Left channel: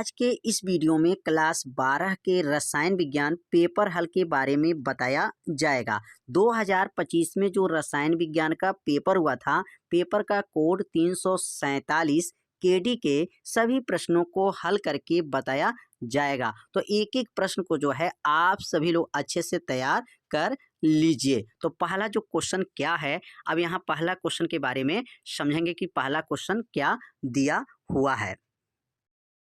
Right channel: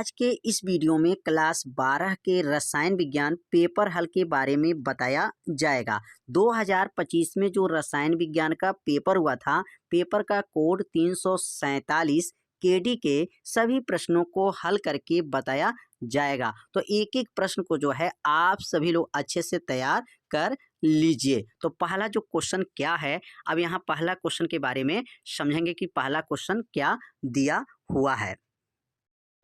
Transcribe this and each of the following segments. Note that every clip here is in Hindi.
आज के इस वीडियो में क्लास 12 के रसायन विज्ञान पेपर हल के बारे में बताया जाएगा। 2025 में जो रसायन विज्ञान का पेपर हुआ था, पेपर का कोड 347 केडी के सभी प्रश्नों को हल करके बताया जाएगा। तो एक एक प्रश्न को जो है आप सभी लोग अच्छे से तैयार कर लीजिए। तो पहला जो क्वेश्चन क्या है, अब यहाँ पहला क्वेश्चन के बारे में समझेंगे कि पहला क्वेश्चन क्या दिया हुआ है।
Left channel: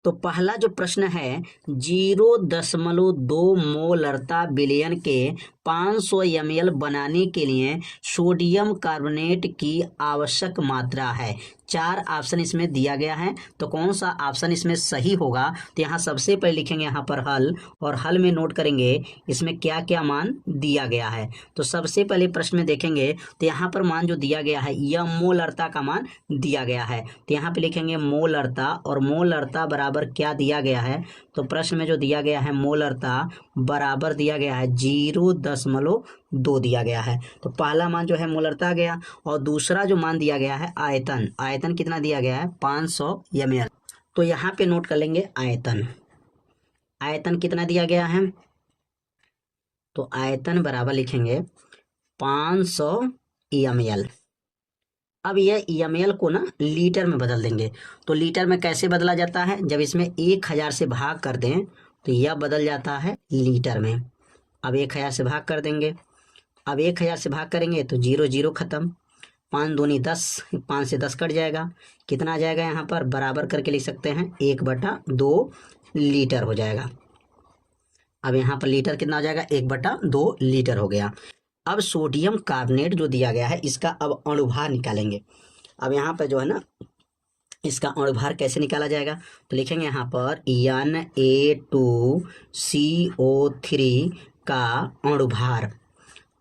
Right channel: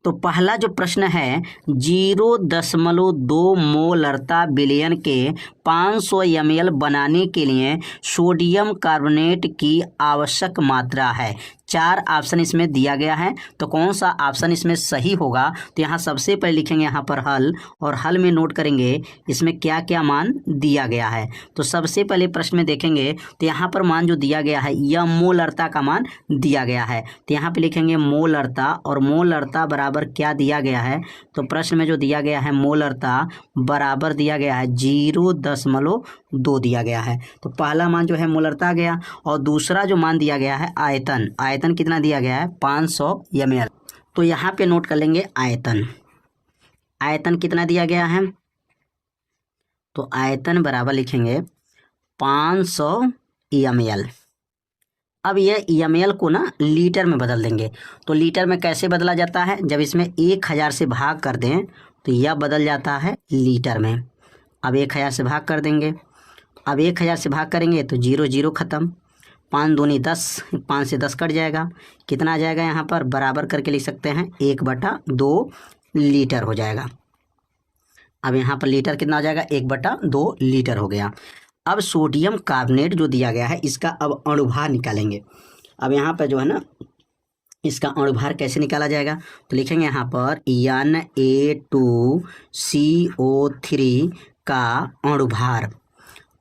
तो पहला जो प्रश्न है 0.2 मोलरता विलयन के 500 ml बनाने के लिए सोडियम कार्बोनेट की आवश्यक मात्रा है। 4 ऑप्शन इसमें दिया गया है, तो कौन सा ऑप्शन इसमें सही होगा। तो यहाँ सबसे पहले लिखेंगे यहाँ पर हल, और हल में नोट करेंगे इसमें क्या क्या मान दिया गया है। तो सबसे पहले प्रश्न में देखेंगे तो यहाँ पर मान जो दिया गया है यह मोलरता का मान दिया गया है। तो यहाँ पे लिखेंगे मोलरता, और मोलरता बराबर क्या दिया गया है। तो प्रश्न में जो दिया गया है मोलरता बराबर दिया गया है 0.2 दिया गया है। तो पहला मान जो है मोलरता गया, और दूसरा जो मान दिया गया है आयतन, आयतन कितना दिया गया है 500 ml। तो यहाँ पे नोट कर लेंगे आयतन, आयतन कितना दिया गया है। तो आयतन बराबर लिखेंगे 500 ml। अब ये ml को ना लीटर में बदल देंगे। तो लीटर में कैसे बदला जाता है, जब इसमें 1000 से भाग कर दें तो यह बदल जाता है लीटर में। अब 1000 से भाग कर देंगे, अब 1000 से भाग करेंगे तो 0 0 खत्म, 5 दूनी 10, 5 से 10 कट जाएगा, कितना आ जाएगा यहाँ पर बराबर करके लिख सकते हैं 1/2 लीटर हो जाएगा। अब यहाँ पर लीटर कितना हो जाएगा 1/2 लीटर हो गया। अब सोडियम कार्बोनेट जो दिया गया है इसका अब अणुभार निकालेंगे। अब यहाँ पर जो है ना इसका अणुभार कैसे निकाला जाएगा, तो लिखेंगे यहाँ पर Na2CO3 का अणुभार।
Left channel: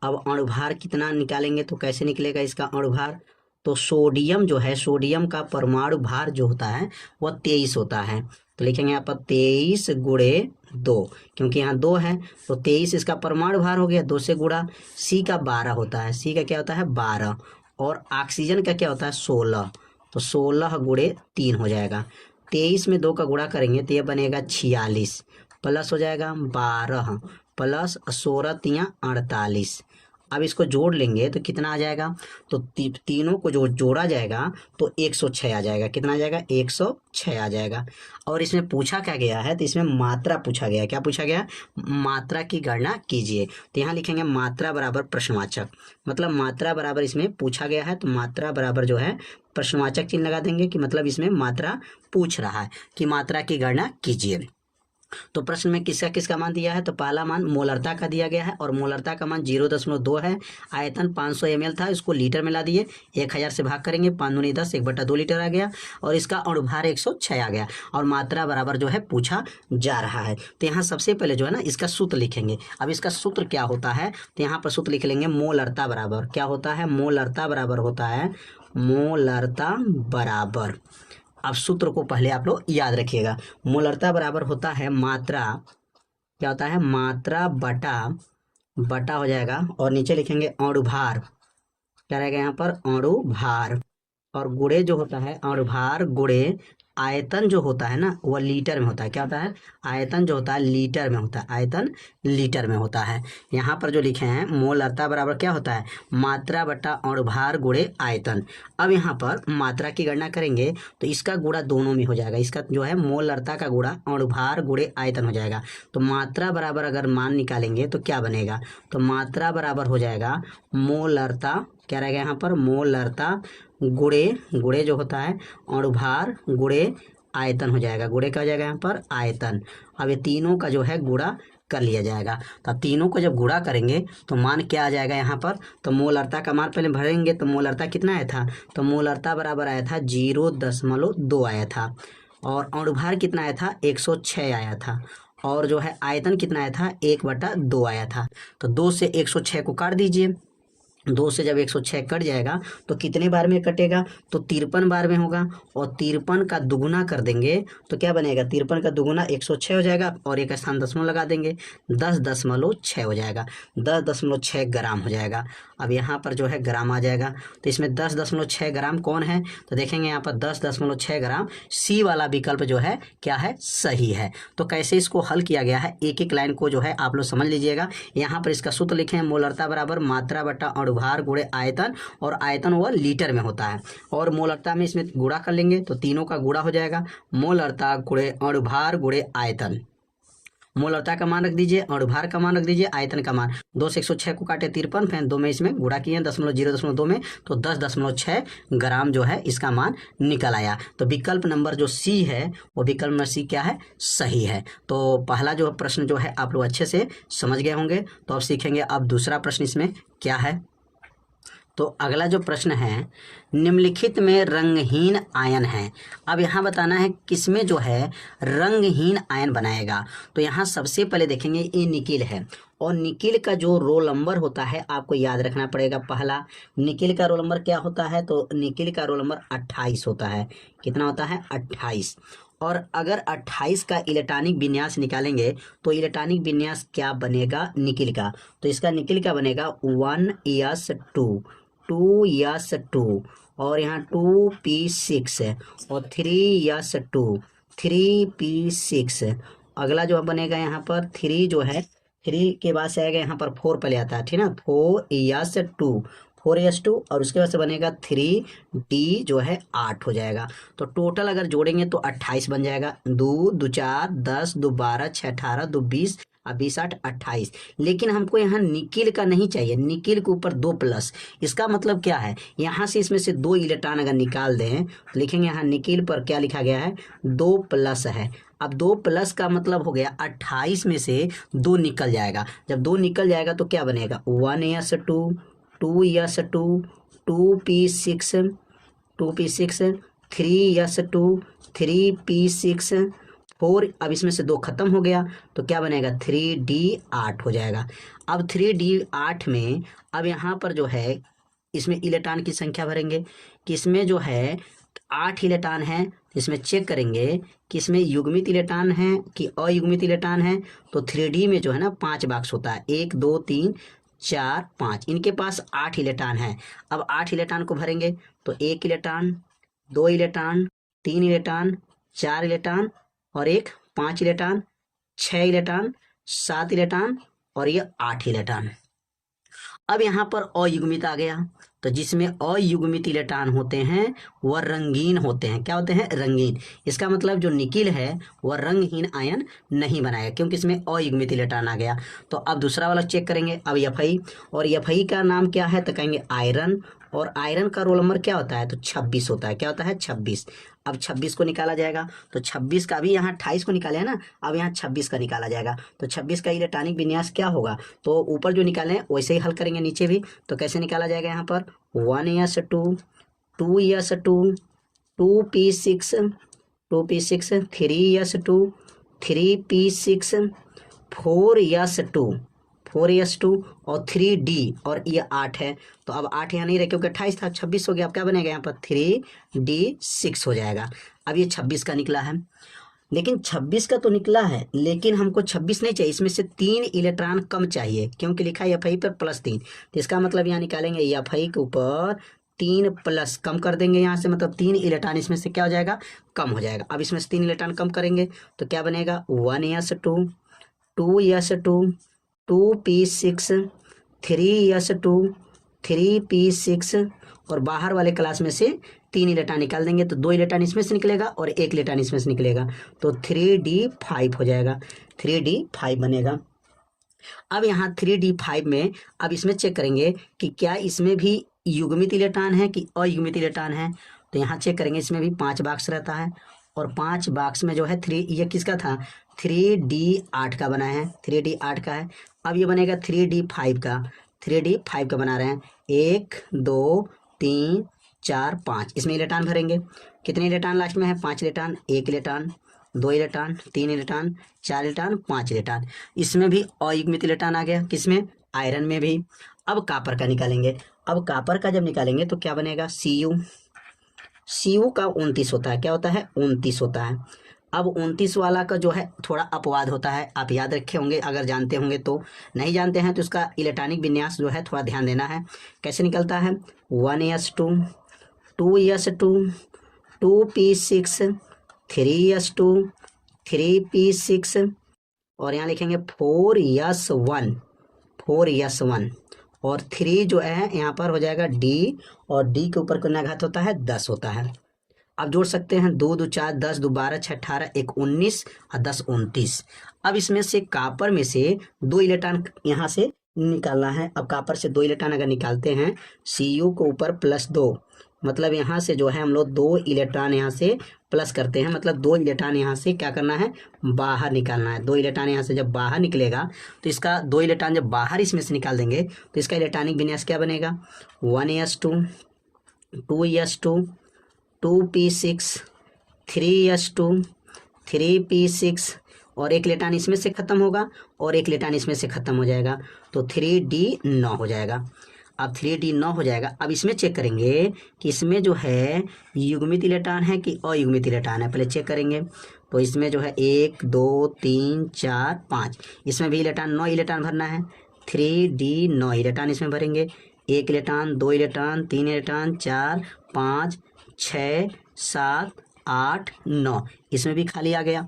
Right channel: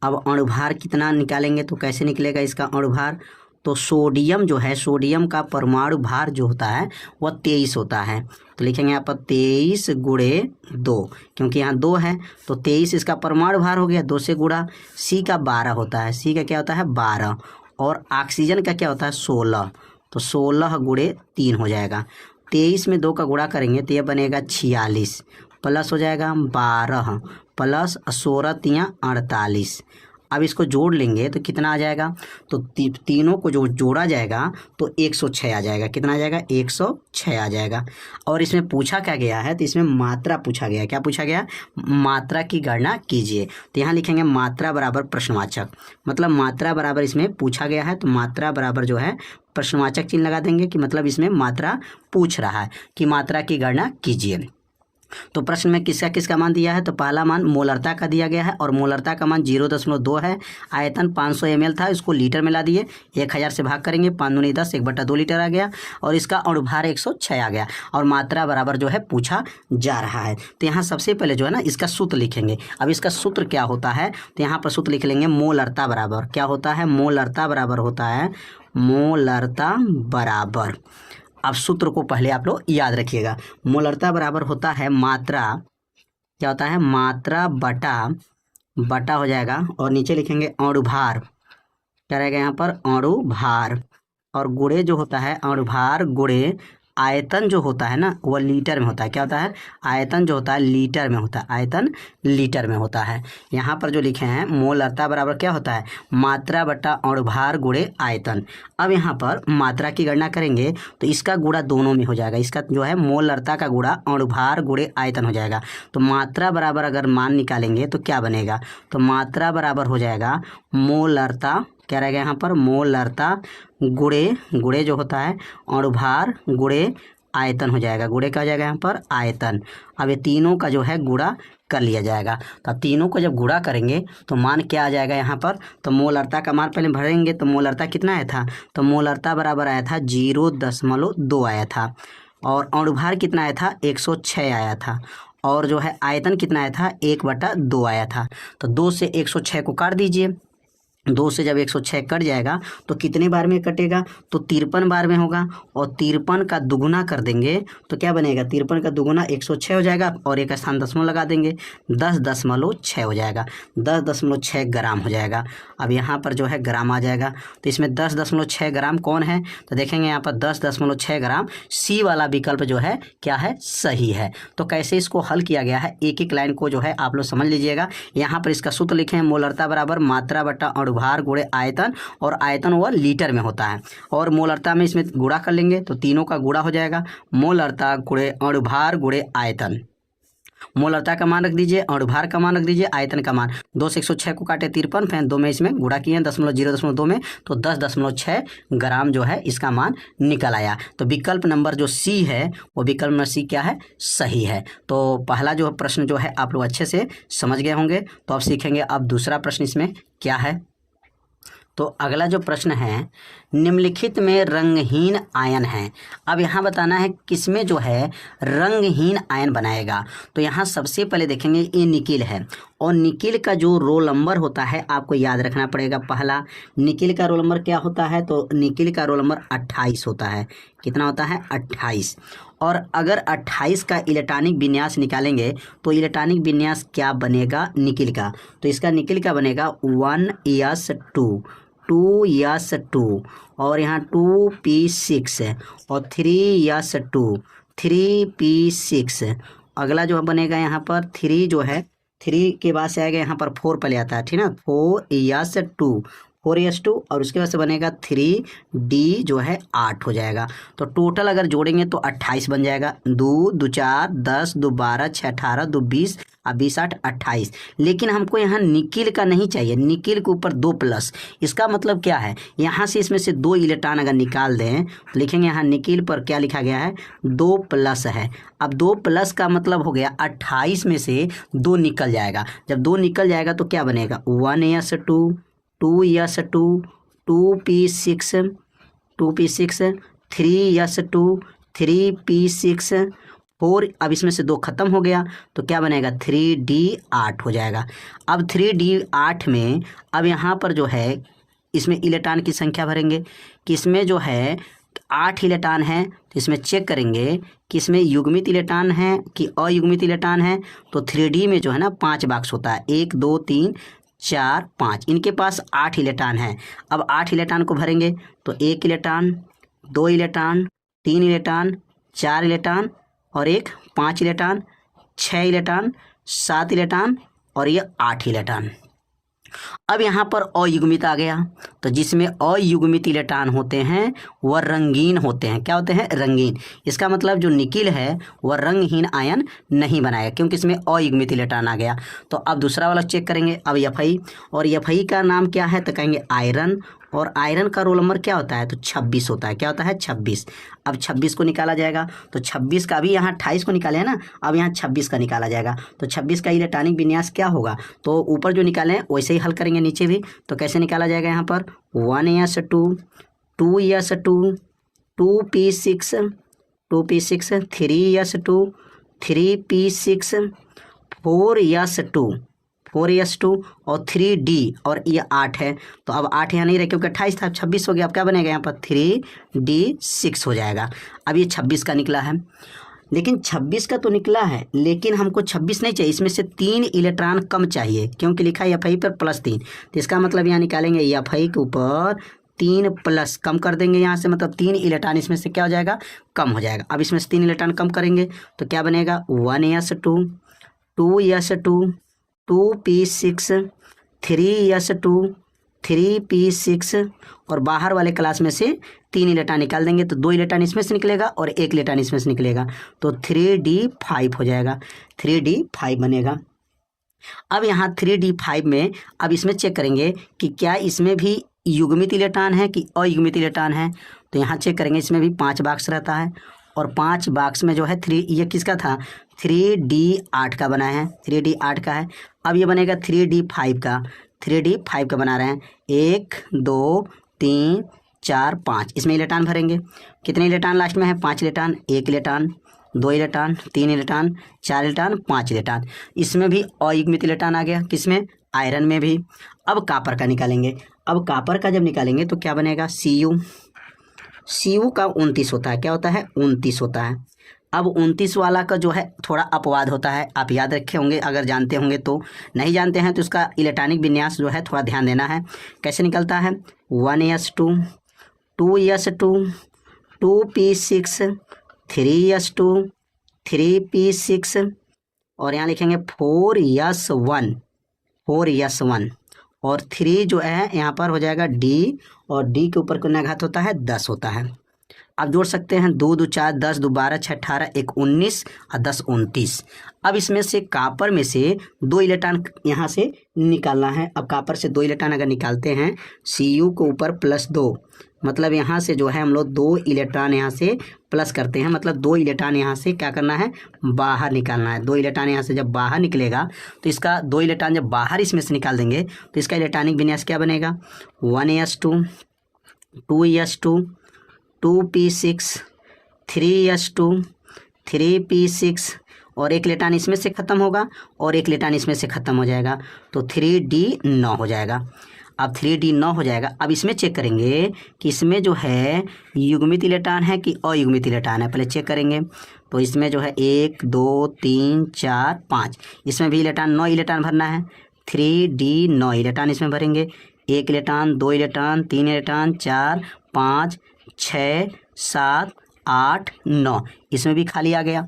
अब अणुभार कितना निकालेंगे तो कैसे निकलेगा इसका अणुभार। तो सोडियम जो है, सोडियम का परमाणु भार जो होता है वह 23 होता है। तो लिखेंगे यहाँ पर 23 × 2, क्योंकि यहाँ 2 है तो 23 इसका परमाणु भार हो गया, 2 से गुणा। सी का 12 होता है, सी का क्या होता है 12, और ऑक्सीजन का क्या होता है 16, तो 16 × 3 हो जाएगा। 23 में 2 का गुणा करेंगे तो यह बनेगा 46, प्लस हो जाएगा 12 प्लस 16 × 48। अब इसको जोड़ लेंगे तो कितना आ जाएगा, तो तीनों को जो जोड़ा जाएगा तो 106 आ जाएगा। कितना आ जाएगा 106 आ जाएगा। और इसमें पूछा क्या गया है, तो इसमें मात्रा पूछा गया है। क्या पूछा गया, मात्रा की गणना कीजिए। तो यहाँ लिखेंगे मात्रा बराबर प्रश्नवाचक, मतलब मात्रा बराबर इसमें पूछा गया है, तो मात्रा बराबर जो है प्रश्नवाचक चिन्ह लगा देंगे कि मतलब इसमें मात्रा पूछ रहा है कि मात्रा की गणना कीजिए। तो प्रश्न में किसका किसका मान दिया है, तो पहला मान मोलरता का दिया गया है, और मोलरता का मान 0.2 है। आयतन 500 ml था, इसको लीटर में ला दिए, 1000 से भाग करेंगे, 5 दूनी 10, 1/2 लीटर आ गया, और इसका अणुभार 106 आ गया, और मात्रा बराबर जो है पूछा जा रहा है। तो यहाँ सबसे पहले जो है ना इसका सूत्र लिखेंगे। अब इसका सूत्र क्या होता है, तो यहाँ पर सूत्र लिख लेंगे मोलरता बराबर क्या होता है, मोलरता बराबर होता है, मोलरता बराबर, अब सूत्र को पहले आप लोग याद रखिएगा। मोलरता बराबर होता है मात्रा, क्या होता है मात्रा बटा हो जाएगा, और नीचे लिखेंगे अणुभार, क्या रहेगा यहाँ पर अणुभार, और गुणे जो होता है अणुभार गुणे आयतन जो होता है ना वह लीटर में होता है। क्या होता है, आयतन जो होता है लीटर में होता है, आयतन लीटर में होता है। यहाँ पर जो लिखे हैं मोलरता बराबर क्या होता है, मात्रा बटा अणुभार गुणे आयतन। अब यहाँ पर मात्रा की गणना करेंगे तो इसका गुणा दोनों में हो जाएगा, इसका जो है मोलरता का गुणा अणुभार गुणे आयतन हो जाएगा। तो मात्रा बराबर अगर मान निकालेंगे तो क्या बनेगा, तो मात्रा बराबर हो जाएगा मोलरता, क्या रहेगा यहाँ पर मोलरता गुणे जो होता है अणुभार गुणे आयतन हो जाएगा, गुणे का हो जाएगा यहाँ पर आयतन। अब ये तीनों का जो है गुणा कर लिया जाएगा। तो अब तीनों को जब गुणा करेंगे तो मान क्या आ जाएगा यहाँ पर, तो मोलरता का मान पहले भरेंगे, तो मोलरता कितना आया था, तो मोलरता बराबर आया था 0.2 आया था, और अणुभार कितना आया था 106 आया था, और जो है आयतन कितना आया था 1/2 आया था। तो 2 से 106 को काट दीजिए, 2 से जब 106 कट जाएगा तो कितने बार में कटेगा, तो 53 बार में होगा। और 53 का दुगुना कर देंगे तो क्या बनेगा, 53 का दुगुना 106 हो जाएगा और एक स्थान दशमलव लगा देंगे, 10.6 हो जाएगा, 10.6 ग्राम हो जाएगा। अब यहाँ पर जो है ग्राम आ जाएगा, तो इसमें 10.6 ग्राम कौन है, तो देखेंगे यहाँ पर 10.6 ग्राम सी वाला विकल्प जो है क्या है, सही है। तो कैसे इसको हल किया गया है, एक एक लाइन को जो है आप लोग समझ लीजिएगा। यहाँ पर इसका सूत्र लिखे हैं, मोलरता बराबर मात्रा बटा अणुभार गुणे आयतन, और आयतन वह लीटर में होता है, और मोलरता में इसमें गुणा कर लेंगे तो तीनों का गुणा हो जाएगा, मोलरता गुणे अणुभार गुणे आयतन। मोलरता का मान रख दीजिए, अणुभार का मान रख दीजिए, आयतन का मान, 2 से 106 को काटे 53, फिर 2 में इसमें गुणा किए 0.2 में, तो 10.6 ग्राम जो है इसका मान निकल आया। तो विकल्प नंबर जो सी है वो विकल्प नंबर सी क्या है, सही है। तो पहला जो प्रश्न जो है आप लोग अच्छे से समझ गए होंगे। तो अब सीखेंगे अब दूसरा प्रश्न इसमें क्या है। तो अगला जो प्रश्न है, निम्नलिखित में रंगहीन आयन है। अब यहाँ बताना है किसमें जो है रंगहीन आयन बनाएगा। तो यहाँ सबसे पहले देखेंगे ये निकिल है, और निकिल का जो रोल नंबर होता है आपको याद रखना पड़ेगा। पहला निकिल का रोल नंबर क्या होता है, तो निकिल का रोल नंबर 28 होता है। कितना होता है, 28। और अगर 28 का इलेक्ट्रॉनिक विन्यास निकालेंगे तो इलेक्ट्रॉनिक विन्यास क्या बनेगा निकिल का, तो इसका निकिल का बनेगा 1s2, 2s2, और यहाँ 2p6 और 3s2, 3p6। अगला जो बनेगा यहाँ पर 3 जो है, 3 के बाद से आएगा यहाँ पर 4 पहले आता है, ठीक ना, 4s2, 4s2, और उसके बाद से बनेगा 3d जो है 8 हो जाएगा। तो टोटल अगर जोड़ेंगे तो 28 बन जाएगा, 2 2 4 10 2 12 6 18 2 20 और 20 8 28। लेकिन हमको यहाँ निकिल का नहीं चाहिए, निकिल के ऊपर 2 प्लस। इसका मतलब क्या है, यहाँ से इसमें से 2 इलेक्ट्रॉन अगर निकाल दें तो लिखेंगे यहाँ निकिल पर क्या लिखा गया है, 2 प्लस है। अब 2 प्लस का मतलब हो गया 28 में से 2 निकल जाएगा। जब 2 निकल जाएगा तो क्या बनेगा, 1s2, 2s2, 2p6, 2p6, 3s2, 3p6, 4। अब इसमें से 2 खत्म हो गया तो क्या बनेगा, 3d8 हो जाएगा। अब 3d8 में अब यहाँ पर जो है इसमें इलेक्ट्रॉन की संख्या भरेंगे कि इसमें जो है 8 इलेक्ट्रॉन है, तो इसमें चेक करेंगे कि इसमें युग्मित इलेक्ट्रॉन है कि अयुग्मित इलेक्ट्रॉन है। तो 3d में जो है ना 5 बॉक्स होता है, 1 2 3 4 5, इनके पास 8 इलेक्ट्रॉन है। अब 8 इलेक्ट्रॉन को भरेंगे तो 1 इलेक्ट्रॉन, 2 इलेक्ट्रॉन, 3 इलेक्ट्रॉन, 4 इलेक्ट्रॉन और एक 5 इलेक्ट्रॉन, 6 इलेक्ट्रॉन, 7 इलेक्ट्रॉन और ये 8 इलेक्ट्रॉन। अब यहाँ पर अयुग्मित आ गया, तो जिसमें अयुग्मित इलेक्ट्रॉन होते हैं वह रंगीन होते हैं। क्या होते हैं, रंगीन। इसका मतलब जो निकिल है वह रंगहीन आयन नहीं बनाएगा क्योंकि इसमें अयुग्मित इलेक्ट्रॉन आ गया। तो अब दूसरा वाला चेक करेंगे। अब Fe, और Fe का नाम क्या है, तो कहेंगे आयरन, और आयरन का रोल नंबर क्या होता है, तो 26 होता है। क्या होता है, 26। अब 26 को निकाला जाएगा, तो 26 का, अभी यहाँ 28 को निकाले हैं ना, अब यहाँ 26 का निकाला जाएगा। तो 26 का इलेक्ट्रॉनिक विन्यास क्या होगा, तो ऊपर जो निकाले हैं वैसे ही हल करेंगे नीचे भी। तो कैसे निकाला जाएगा, यहाँ पर 1s2, 2s2, 2p6, 2p6, 3s2, 3p6, 4s2, 4s2 और 3d, और ये 8 है। तो अब 8 यहाँ नहीं रहे क्योंकि 28 था, अब 26 हो गया। अब क्या बनेगा यहाँ पर 3d6 हो जाएगा। अब ये 26 का निकला है, लेकिन 26 का तो निकला है लेकिन हमको 26 नहीं चाहिए, इसमें से 3 इलेक्ट्रॉन कम चाहिए क्योंकि लिखा है Fe पर +3। तो इसका मतलब यहाँ निकालेंगे Fe के ऊपर 3 प्लस कम कर देंगे यहाँ से, मतलब 3 इलेक्ट्रॉन इसमें से क्या हो जाएगा, कम हो जाएगा। अब इसमें से 3 इलेक्ट्रॉन कम करेंगे तो क्या बनेगा, 1s2, 2s2, 2p6, 3s2, 3p6, और बाहर वाले क्लास में से 3 इलेक्ट्रॉन निकाल देंगे तो 2 इलेक्ट्रॉन इसमें से निकलेगा और 1 इलेक्ट्रॉन इसमें से निकलेगा, तो 3d5 हो जाएगा, 3d5 बनेगा। अब यहाँ 3d5 में अब इसमें चेक करेंगे कि क्या इसमें भी युग्मित इलेक्ट्रॉन है कि अयुग्मित इलेक्ट्रॉन है। तो यहाँ चेक करेंगे, इसमें भी 5 बॉक्स रहता है और 5 बॉक्स में जो है 3, ये किसका था, 3d8 का बना है, 3d8 का है। अब ये बनेगा 3d5 का, 3d5 का बना रहे हैं, 1 2 3 4 5, इसमें इलेक्ट्रॉन भरेंगे। कितने इलेक्ट्रॉन लास्ट में है, 5 electron, 1 electron, 2 electron, 3 electron, 4 electron, 5 electron. इसमें भी अयुग्मित इलेक्ट्रॉन आ गया, किसमें, आयरन में भी। अब कापर का निकालेंगे। अब कापर का जब निकालेंगे तो क्या बनेगा, Cu का 29 होता है, क्या होता है 29 होता है। अब 29 वाला का जो है थोड़ा अपवाद होता है, आप याद रखे होंगे अगर जानते होंगे तो, नहीं जानते हैं तो इसका इलेक्ट्रॉनिक विन्यास जो है थोड़ा ध्यान देना है। कैसे निकलता है 1s2 2s2 2p6 3s2 3p6 और यहाँ लिखेंगे 4s1 और 3 जो है यहाँ पर हो जाएगा d और d के ऊपर कितना घात होता है 10 होता है। अब जोड़ सकते हैं 2 2 4 10 2 12 6 18 1 19 और 10 29। अब इसमें से कापर में से 2 इलेक्ट्रॉन यहाँ से निकालना है। अब कापर से 2 इलेक्ट्रॉन अगर निकालते हैं Cu को ऊपर +2, मतलब यहाँ से जो है हम लोग 2 इलेक्ट्रॉन यहाँ से प्लस करते हैं, मतलब 2 इलेक्ट्रॉन यहाँ से क्या करना है बाहर निकालना है। 2 इलेक्ट्रॉन यहाँ से जब बाहर निकलेगा तो इसका 2 इलेक्ट्रॉन जब बाहर इसमें से निकाल देंगे तो इसका इलेक्ट्रॉनिक विन्यास क्या बनेगा 1s2 2s2 2p6 3s2 3p6 और एक इलेक्ट्रॉन इसमें से खत्म होगा और एक इलेक्ट्रॉन इसमें से खत्म हो जाएगा तो 3d9 हो जाएगा। अब 3d9 हो जाएगा। अब इसमें चेक करेंगे कि इसमें जो है युग्मित इलेक्ट्रॉन है कि अयुग्मित इलेक्ट्रॉन है, पहले चेक करेंगे। तो इसमें जो है 1 2 3 4 5, इसमें भी इलेक्ट्रॉन 9 इलेक्ट्रॉन भरना है, 3d9 इलेक्ट्रॉन इसमें भरेंगे। 1 इलेक्ट्रॉन 2 इलेक्ट्रॉन 3 इलेक्ट्रॉन 4 5 6 7 8 9, इसमें भी खाली आ गया।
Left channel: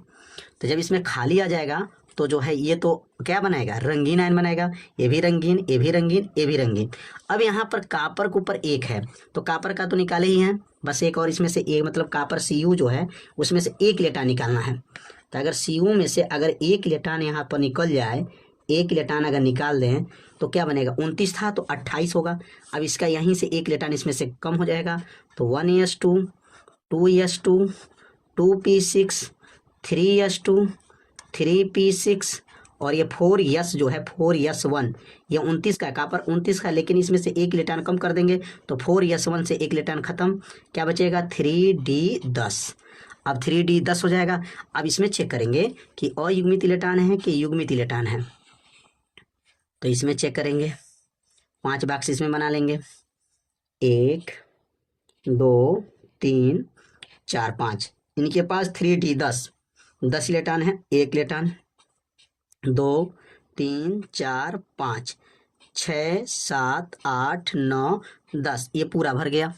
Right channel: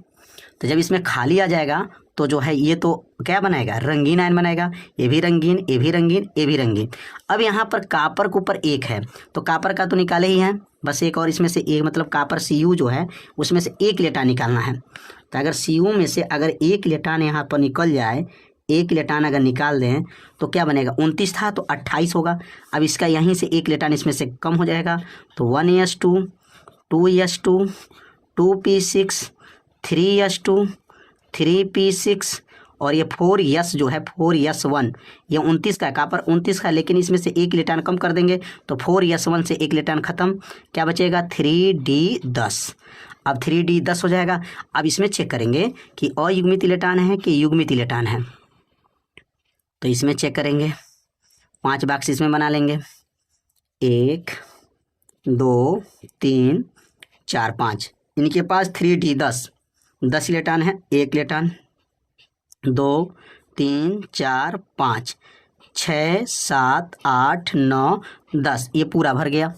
तो जब इसमें खाली आ जाएगा तो जो है ये तो क्या बनाएगा रंगीन आयन बनाएगा, ये भी रंगीन ये भी रंगीन ये भी रंगीन। अब यहाँ पर कापर के ऊपर 1 है तो कापर का तो निकाले ही हैं, बस एक और इसमें से एक, मतलब कापर Cu जो है उसमें से 1 इलेक्ट्रॉन निकालना है। तो अगर Cu में से अगर 1 इलेक्ट्रॉन यहाँ पर निकल जाए, 1 इलेक्ट्रॉन अगर निकाल दें तो क्या बनेगा 29 था तो 28 होगा। अब इसका यहीं से 1 इलेक्ट्रॉन इसमें से कम हो जाएगा तो 1s2 2s2 2p6 3s2 3p6 और ये 4s जो है 4s1, ये 29 का कापर 29 का, लेकिन इसमें से 1 इलेक्ट्रॉन कम कर देंगे तो 4s1 से 1 इलेक्ट्रॉन खत्म, क्या बचेगा 3d10। अब 3d10 हो जाएगा। अब इसमें चेक करेंगे कि अयुग्मित इलेक्ट्रॉन है कि युग्मित इलेक्ट्रॉन है, तो इसमें चेक करेंगे 5 बॉक्स इसमें बना लेंगे, 1 2 3 4 5, इनके पास 3d10 10 इलेक्ट्रॉन है, 1 इलेक्ट्रॉन 2 3 4 5 6 7 8 9 10, ये पूरा भर गया।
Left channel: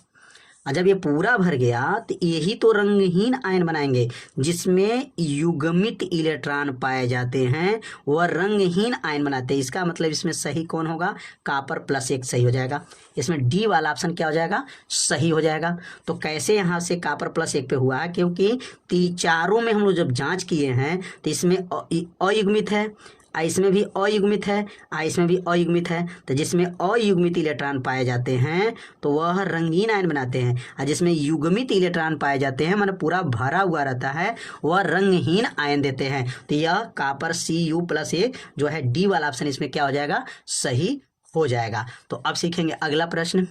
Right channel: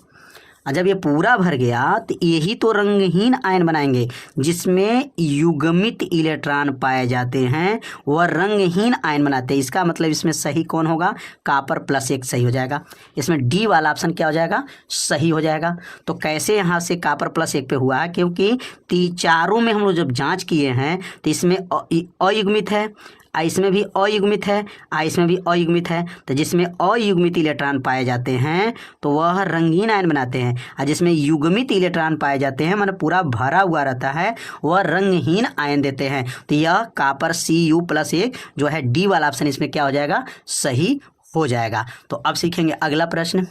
और जब ये पूरा भर गया तो यही तो रंगहीन आयन बनाएंगे जिसमें युग्मित इलेक्ट्रॉन पाए जाते हैं, वह रंगहीन आयन बनाते हैं। इसका मतलब इसमें सही कौन होगा कापर +1 सही हो जाएगा, इसमें डी वाला ऑप्शन क्या हो जाएगा सही हो जाएगा। तो कैसे यहाँ से कापर +1 पे हुआ है, क्योंकि चारों में हम लोग जब जांच किए हैं तो इसमें अयुग्मित है, इसमें भी अयुग्मित है, इसमें भी अयुग्मित है। तो जिसमें अयुग्मित इलेक्ट्रॉन पाए जाते हैं तो वह रंगीन आयन बनाते हैं, और जिसमें युग्मित इलेक्ट्रॉन पाए जाते हैं मतलब पूरा भरा हुआ रहता है वह रंगहीन आयन देते हैं। तो यह कापर Cu+1 जो है डी वाला ऑप्शन इसमें क्या हो जाएगा सही हो जाएगा। तो अब सीखेंगे अगला प्रश्न।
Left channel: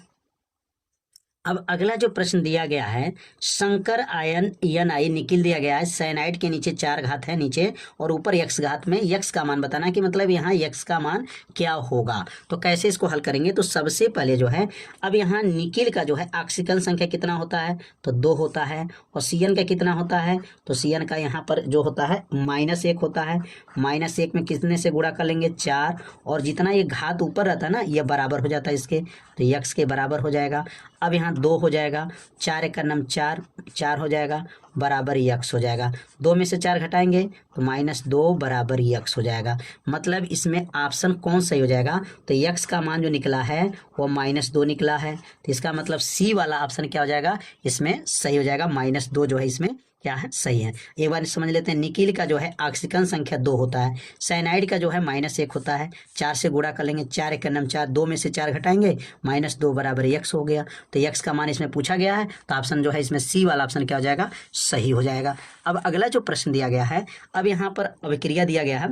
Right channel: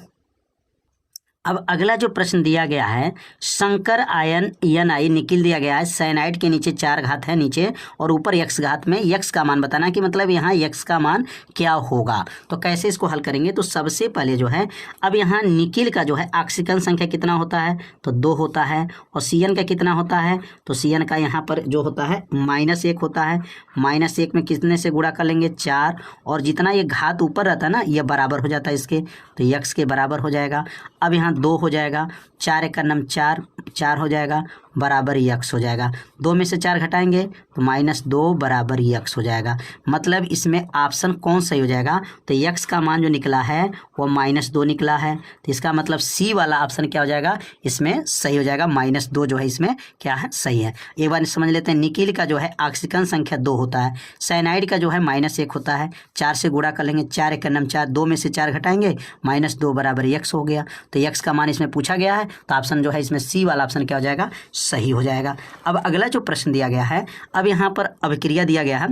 अब अगला जो प्रश्न दिया गया है, संकर आयन Ni निकल दिया गया है, साइनाइड के नीचे 4 घात है नीचे और ऊपर x घात में x का मान बताना कि मतलब यहाँ x का मान क्या होगा। तो कैसे इसको हल करेंगे, तो सबसे पहले जो है अब यहाँ निकिल का जो है ऑक्सीजन संख्या कितना होता है तो 2 होता है, और Cn का कितना होता है तो Cn का यहाँ पर जो होता है -1 होता है। -1 में कितने से गुणा कर लेंगे 4, और जितना ये घात ऊपर रहता है ना ये बराबर हो जाता है इसके, तो x के बराबर हो जाएगा। अब यहाँ 2 हो जाएगा, 4 1 का नाम 4, 4 हो जाएगा बराबर x हो जाएगा। 2 में से 4 घटाएंगे तो -2 बराबर x हो जाएगा। मतलब इसमें ऑप्शन कौन सही हो जाएगा, तो x का मान जो निकला है वो -2 निकला है, तो इसका मतलब C वाला ऑप्शन क्या हो जाएगा इसमें सही हो जाएगा। -2 जो है इसमें क्या है सही है। एक बार समझ लेते हैं, निकिल का जो है ऑक्सीजन संख्या 2 होता है, साइनाइड का जो है -1 होता है, 4 से गुणा कर लेंगे, 4 1 का नाम 4, 2 में से 4 घटाएंगे -2 बराबर x हो गया। तो x का मान इसमें पूछा गया है, तो ऑप्शन जो है इसमें C वाला ऑप्शन क्या हो जाएगा सही हो जाएगा। अब अगला जो प्रश्न दिया गया है, अब यहाँ पर अभिक्रिया दिया गया है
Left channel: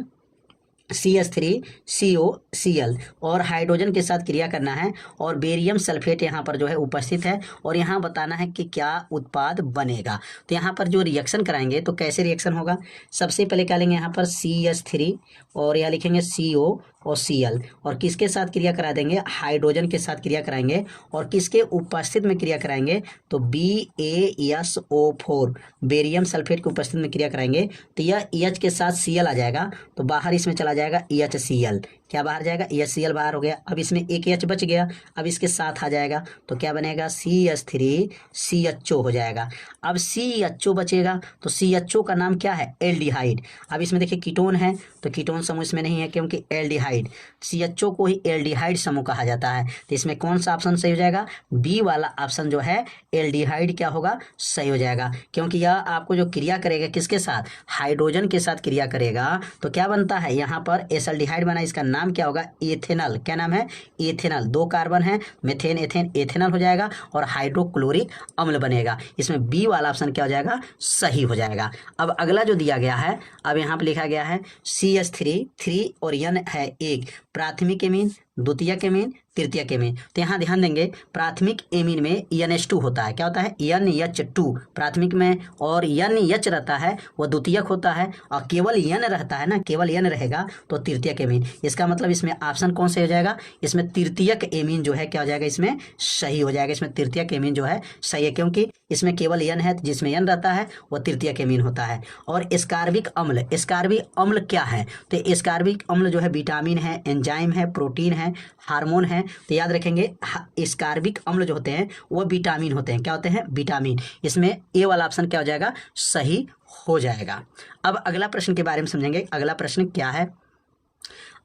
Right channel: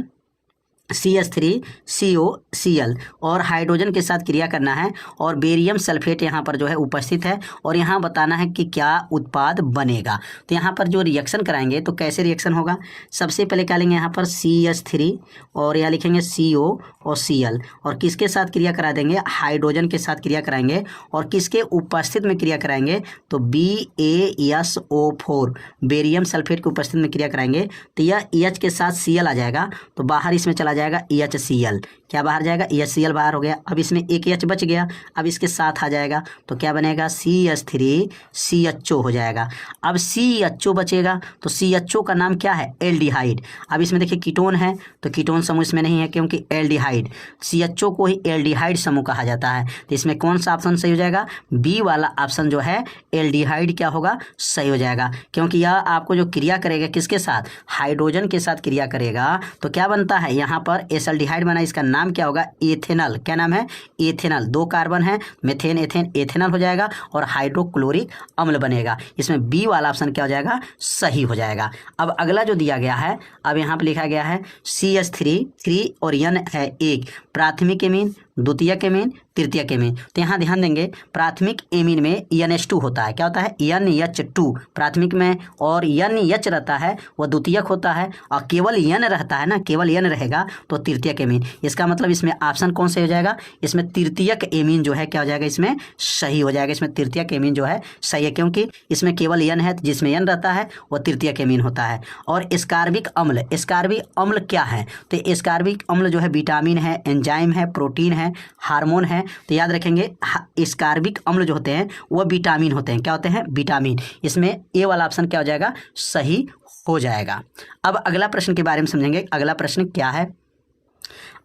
CH3COCl और हाइड्रोजन के साथ क्रिया करना है और बेरियम सल्फेट यहाँ पर जो है उपस्थित है और यहाँ बताना है कि क्या उत्पाद बनेगा। तो यहाँ पर जो रिएक्शन कराएंगे तो कैसे रिएक्शन होगा, सबसे पहले क्या लेंगे यहाँ पर CH3 और यहाँ लिखेंगे CO और Cl और किसके साथ क्रिया करा देंगे, हाइड्रोजन के साथ क्रिया कराएंगे और किसके उपस्थित में क्रिया कराएंगे तो BaSO4 बेरियम सल्फेट के उपस्थित में क्रिया कराएंगे तो यह EH के साथ Cl आ जाएगा तो बाहर इसमें चला जाएगा EHCl, क्या बाहर जाएगा EHCl बाहर हो गया। अब इसमें एक H बच गया, अब इसके साथ आ जाएगा तो क्या बनेगा CH3CHO हो जाएगा। अब CHO बचेगा तो CHO का नाम क्या है, एल्डिहाइड। अब इसमें देखिए कीटोन है तो कीटोन समूह इसमें नहीं है क्योंकि एल्डिहाइड, CHO को ही एल्डिहाइड समूह कहा जाता है। तो इसमें कौन सा ऑप्शन सही हो जाएगा, बी वाला ऑप्शन जो है एल्डिहाइड क्या होगा, सही हो जाएगा। क्योंकि यह आपको जो क्रिया करेगा किसके साथ, हाइड्रोजन के साथ क्रिया करेगा तो क्या बनता है यहाँ पर एल्डिहाइड बना, इसका नाम क्या होगा, एथेनॉल। क्या नाम है, एथेनॉल। 2 कार्बन है, मेथेन एथेन एथेनॉल हो जाएगा और हाइड्रोक्लोरिक अम्ल बनेगा। इसमें बी वाला ऑप्शन क्या हो जाएगा, सही हो जाएगा। अब अगला जो दिया गया है, अब यहाँ पर लिखा गया है CH3 और N है 1, प्राथमिक एमीन, द्वितीयक एमीन, तृतीयक एमीन। तो यहाँ ध्यान देंगे प्राथमिक एमीन में NH2 होता है, क्या होता है NH2 प्राथमिक में, और NH रहता है वो द्वितीयक होता है, और केवल N रहता है ना, केवल N रहेगा तो तृतीयक एमीन। इसका मतलब इसमें ऑप्शन कौन से हो जाएगा, इसमें तृतीयक एमीन जो है क्या हो जाएगा, इसमें सही हो जाएगा। इसमें तृतीयक एमीन जो है सही है क्योंकि इसमें केवल N है, जिसमें N रहता है वो तृतीयक एमीन होता है। और एस्कार्बिक अम्ल, एस्कार्बिक अम्ल क्या है, तो एस्कार्बिक अम्ल जो है विटामिन है, एंजाइम है, प्रोटीन है, हार्मोन है। तो याद रखेंगे एस्कार्बिक अम्ल जो होते हैं वो विटामिन होते हैं, क्या होते हैं, विटामिन। इसमें ए वाला ऑप्शन क्या हो जाएगा, सही हो जाएगा। अब अगला प्रश्न के बारे में समझेंगे। अगला प्रश्न क्या है,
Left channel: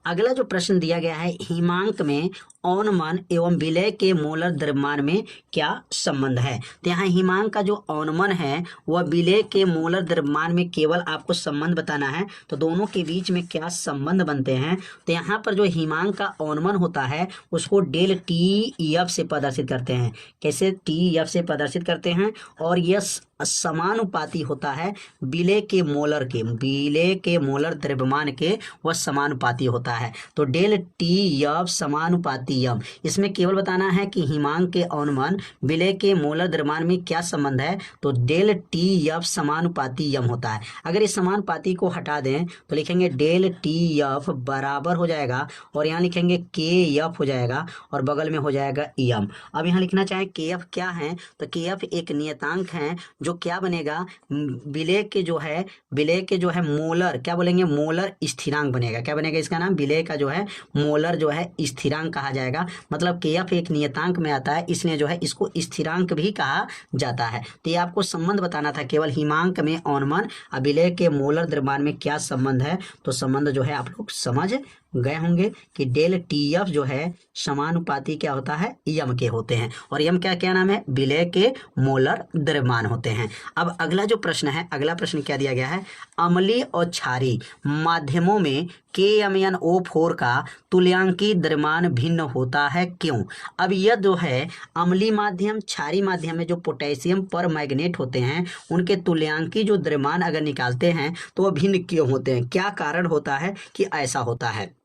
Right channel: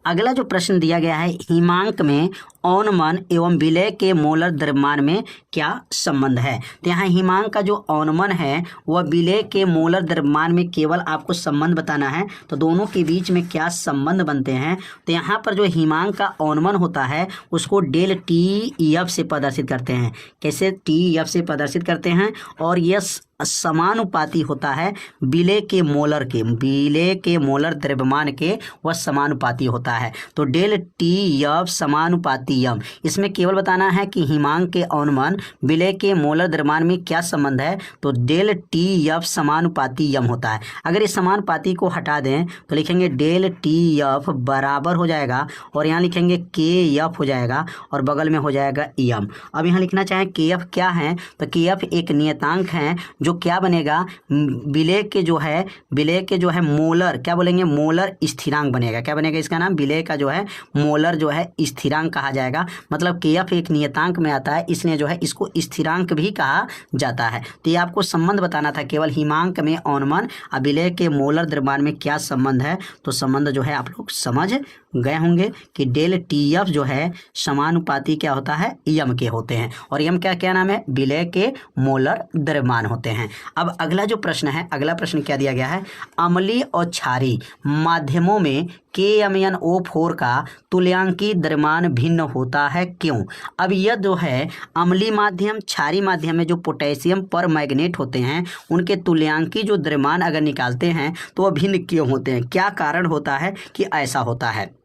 अगला जो प्रश्न दिया गया है, हिमांक में औनमन एवं विलय के मोलर द्रव्यमान में क्या संबंध है। तो यहाँ हिमांक का जो औनमन है वह विलय के मोलर द्रव्यमान में केवल आपको संबंध बताना है, तो दोनों के बीच में क्या संबंध बनते हैं। तो यहाँ पर जो हिमांक का औनमन होता है उसको ΔTEF से प्रदर्शित करते हैं। कैसे, TEF से प्रदर्शित करते हैं, और यह समानुपाती होता है विलय के मोलर के, विलय के मोलर द्रव्यमान के वह समानुपाती होता है। तो ΔTEF समानुपाती यम, इसमें केवल बताना है कि हिमांक के औनमन विलय के मोलर द्रव्यमान में क्या संबंध है, तो ΔTEF समानुपाती यम होता है। अगर इस समानुपाती को हटा दें तो लिखेंगे ΔTEF बराबर हो जाएगा और यहाँ लिखेंगे KF हो जाएगा और बगल में हो जाएगा यम। अब यहाँ लिखना चाहें KF क्या है, तो KF एक नियतांक है जो क्या बनेगा, विलय के जो है, विलय के जो है मोलर, क्या बोलेंगे, मोलर स्थिरांक बनेगा। क्या बनेगा, इसका नाम विलय का जो है मोलर जो है स्थिरांक कहा जाएगा। मतलब KF एक नियतांक में आता है, इसलिए जो है इसको स्थिरांक भी कहा जाता है। तो ये आपको संबंध बताना था, केवल हिमांक में औनमन और विलय के मोलर द्रव्यमान में क्या संबंध है। तो संबंध जो है आप लोग समझ गए होंगे कि ΔTEF जो है समानुपाती क्या होता है, यम के होते हैं, और यम क्या क्या नाम है, विलय के मोलर द्रव्यमान होते हैं। अब अगला जो प्रश्न है, अगला प्रश्न क्या दिया गया है, अम्लीय और क्षारीय माध्यमों में KMnO4 का तुल्यांकी द्रव्यमान भिन्न होता है, क्यों। अब यह जो है अम्लीय माध्यम, क्षारीय माध्यम में जो पोटेशियम पर मैग्नेट होते हैं उनके तुल्यांकी जो द्रव्यमान अगर निकालते हैं तो वह भिन्न क्यों होते हैं, क्या कारण होता है कि ऐसा होता है।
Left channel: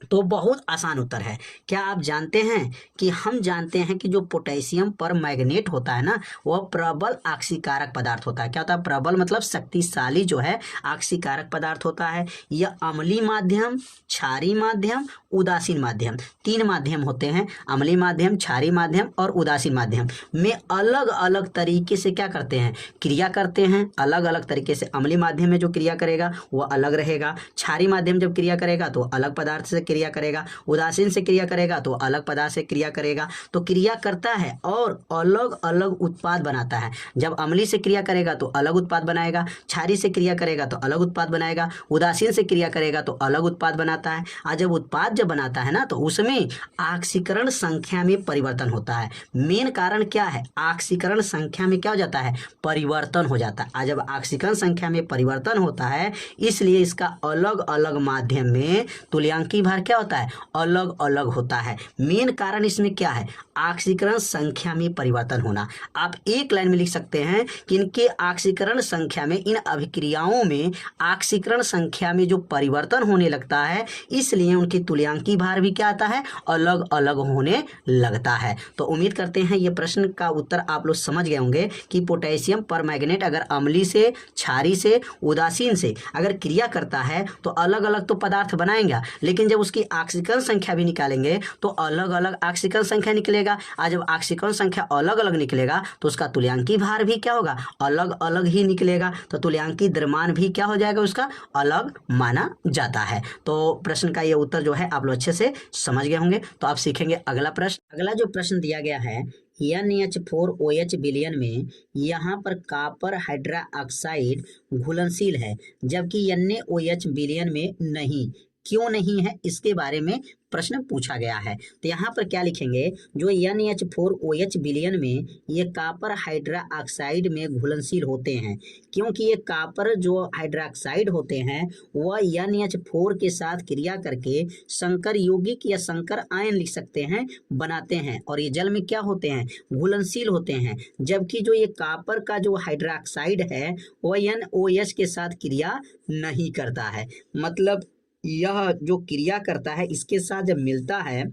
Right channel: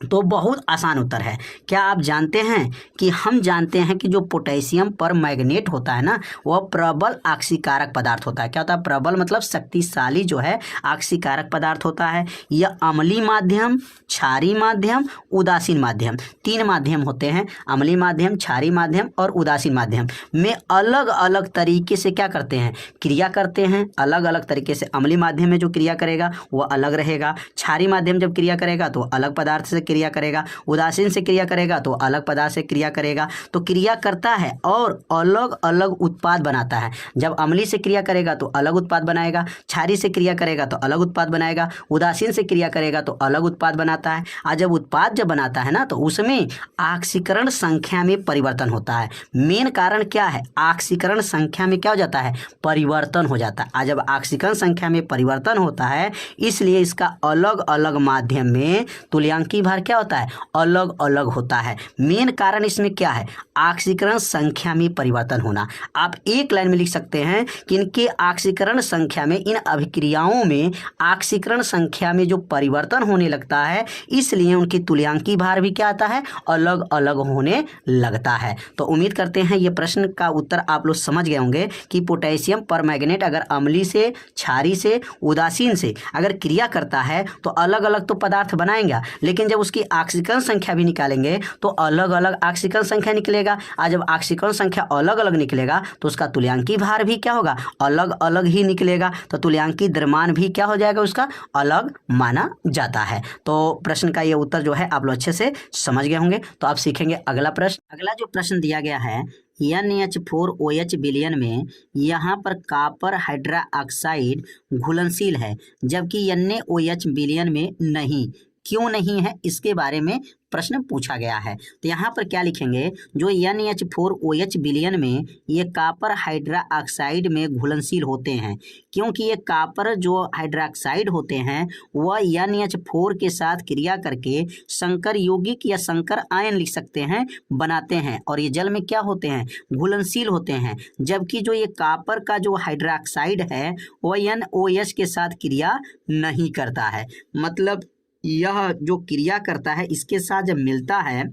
तो बहुत आसान उत्तर है। क्या आप जानते हैं कि हम जानते हैं कि जो पोटेशियम पर मैग्नेट होता है ना वह प्रबल आक्सीकारक पदार्थ होता है। क्या होता है, प्रबल मतलब शक्तिशाली जो है आक्सीकारक पदार्थ होता है। यह अम्लीय माध्यम, क्षारीय माध्यम, उदासीन माध्यम, 3 माध्यम होते हैं। अम्लीय माध्यम, क्षारीय माध्यम और उदासीन माध्यम में अलग अलग तरीके से क्या करते हैं, क्रिया करते हैं। अलग अलग तरीके से अम्लीय माध्यम में जो क्रिया करेगा वह अलग रहेगा, क्षारीय माध्यम जब क्रिया करेगा तो अलग पदार्थ से क्रिया करेगा, उदासीन से क्रिया करेगा तो अलग पदार्थ से क्रिया करेगा। तो क्रिया करता है और अलग अलग उत्पाद बनाता है। जब अम्लीय से क्रिया करेगा तो अलग उत्पाद बनाएगा, क्षारीय से क्रिया करेगा तो अलग उत्पाद बनाएगा, उदासीन से क्रिया करेगा तो अलग उत्पाद बनाता है। और जब उत्पाद जब बनाता है ना तो उसमें ऑक्सीकरण संख्या में परिवर्तन होता है। मेन कारण क्या है, ऑक्सीकरण संख्या में क्या हो जाता है, परिवर्तन हो जाता है। और जब ऑक्सीकरण संख्या में परिवर्तन होता है इसलिए इसका अलग अलग माध्यम में तुल्यांकी भार क्या होता है, अलग अलग होता है। मेन कारण इसमें क्या है, ऑक्सीकरण संख्या में परिवर्तन होना। आप एक लाइन में लिख सकते हैं कि इनके ऑक्सीकरण संख्या में, इन अभिक्रियाओं में ऑक्सीकरण संख्या में जो परिवर्तन होने लगता है, इसलिए उनकी तुल्यांकी भार भी क्या आता है, अलग अलग होने लगता है। तो उम्मीद करते हैं ये प्रश्न का उत्तर आप लोग समझ गए होंगे कि पोटेशियम परमैंगनेट अगर अम्लीय से, क्षारीय से, उदासीन से अगर क्रिया करता है तो अलग अलग तो पदार्थ बनाएगा, लेकिन जब उसकी ऑक्सीकरण संख्या भी निकालेंगे तो अलग अलग ऑक्सीकरण संख्या निकलेगा। और जब ऑक्सीकरण संख्या अलग अलग निकलेगा तो उसका तुल्यांकी भार भी क्या होगा, अलग अलग ही निकलेगा। तो तुल्यांकी द्रव्यमान भी क्या हो जाएगा, उसका अलग माना जाता है। तो प्रश्न का ये उत्तर जो है आप लोग अच्छे से समझ गए होंगे। तो आप सीखेंगे अगला प्रश्न। अगला जो प्रश्न दिया गया है, NH4OH विलयन में यहाँ पर कॉपर हाइड्रोक्साइड घुलनशील है, जबकि NaOH विलयन में नहीं, क्यों नहीं है, इसके बारे में प्रश्न पूछा गया है। तो यहाँ पर क्या लिखेंगे, जो NH4OH विलयन में ये कॉपर हाइड्रोक्साइड में घुलनशील होते हैं, क्योंकि ये कॉपर जो हाइड्रोक्साइड होते हैं वह NH4 के साथ क्रिया करके संकर यौगिक या संकर आयन लिख सकते हैं, बनाते हैं, और ये जल में क्या होते हैं, घुलनशील होते हैं। जबकि जो ये कॉपर का जो हाइड्रोक्साइड है वह NOH के साथ क्रिया नहीं करता है। मतलब यह जो क्रिया करता है इसके साथ जब मिलता है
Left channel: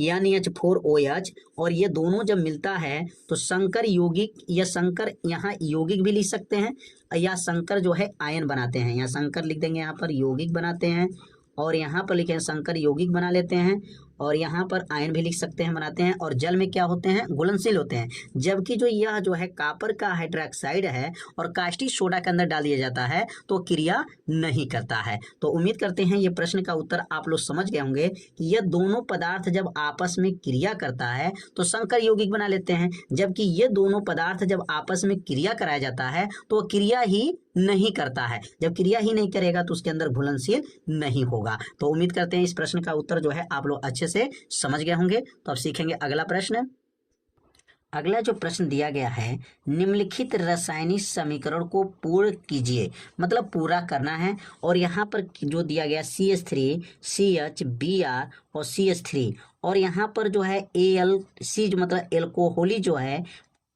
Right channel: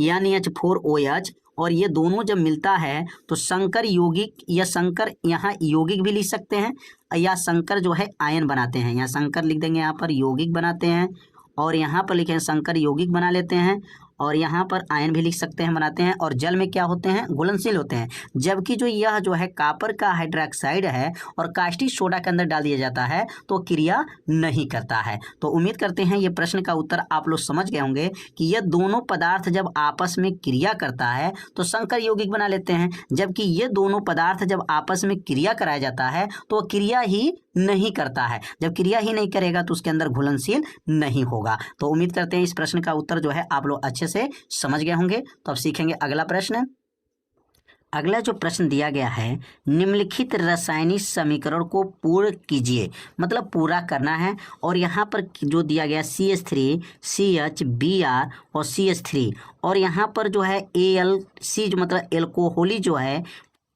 NH4OH, और ये दोनों जब मिलता है तो संकर यौगिक या संकर, यहाँ यौगिक भी लिख सकते हैं, या संकर जो है आयन बनाते हैं। यहाँ संकर लिख देंगे, यहाँ पर यौगिक बनाते हैं, और यहाँ पर लिखें संकर यौगिक बना लेते हैं, और यहाँ पर आयन भी लिख सकते हैं, बनाते हैं, और जल में क्या होते हैं, घुलनशील होते हैं। जबकि जो यह जो है कॉपर का हाइड्रोक्साइड है और कास्टिक सोडा के अंदर डाल दिया जाता है तो क्रिया नहीं करता है। तो उम्मीद करते हैं ये प्रश्न का उत्तर आप लोग समझ गए होंगे कि यह दोनों पदार्थ जब आपस में क्रिया करता है तो संकर यौगिक बना लेते हैं, जबकि ये दोनों पदार्थ जब आपस में क्रिया कराया जाता है तो क्रिया ही नहीं करता है। जब क्रिया ही नहीं करेगा तो उसके अंदर घुलनशील नहीं होगा। तो उम्मीद करते हैं इस प्रश्न का उत्तर जो है आप लोग अच्छे से समझ गए होंगे। तो अब सीखेंगे अगला प्रश्न। अगला जो प्रश्न दिया गया है, निम्नलिखित रासायनिक समीकरण को पूर्ण कीजिए, मतलब पूरा करना है। और यहाँ पर जो दिया गया CH3, CH, Br और CH3, और यहाँ पर जो है AlC जो मतलब एल्कोहली जो है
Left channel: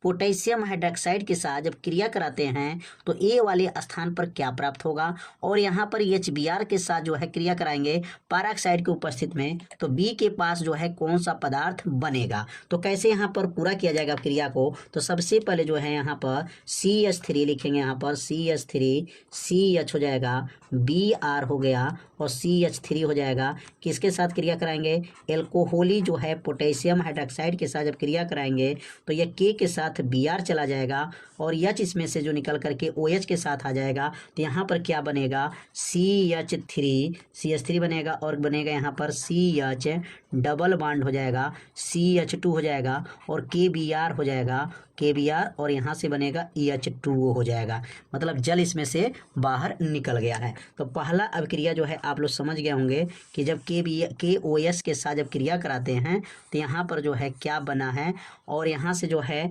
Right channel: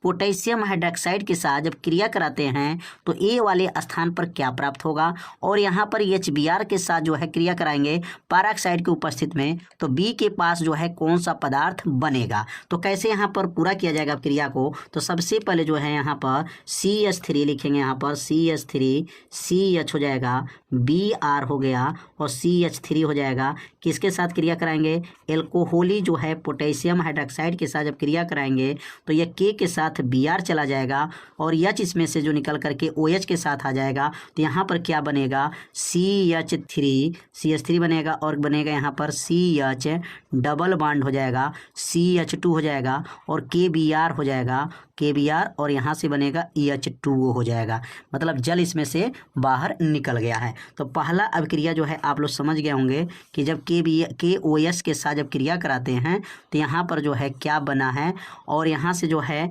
पोटेशियम हाइड्रोक्साइड के साथ जब क्रिया कराते हैं तो ए वाले स्थान पर क्या प्राप्त होगा, और यहाँ पर HBr के साथ जो है क्रिया कराएंगे पैरोक्साइड की उपस्थिति में तो बी के पास जो है कौन सा पदार्थ बनेगा। तो कैसे यहाँ पर पूरा किया जाएगा क्रिया को, तो सबसे पहले जो है यहाँ पर CH3 लिखेंगे, यहाँ पर CH3 CH हो जाएगा, Br हो गया और CH3 हो जाएगा। किसके साथ क्रिया कराएंगे, एल्कोहली जो है पोटेशियम हाइड्रोक्साइड के साथ जब क्रिया कराएंगे तो यह K के साथ Br चला जाएगा और H इसमें से जो निकल करके OH के साथ आ जाएगा। तो यहाँ पर क्या बनेगा, CH3 बनेगा, और बनेगा यहाँ पर CH डबल बॉन्ड हो जाएगा, CH2 हो जाएगा और KBr हो जाएगा, KBr, और यहाँ से बनेगा EH2O हो जाएगा। मतलब जल इसमें से बाहर निकल गया है। तो पहला अभिक्रिया जो है आप लोग समझ गए होंगे कि जब KOH के साथ जब क्रिया कराते हैं तो यहाँ पर जो है क्या बना है, और यहाँ से जो है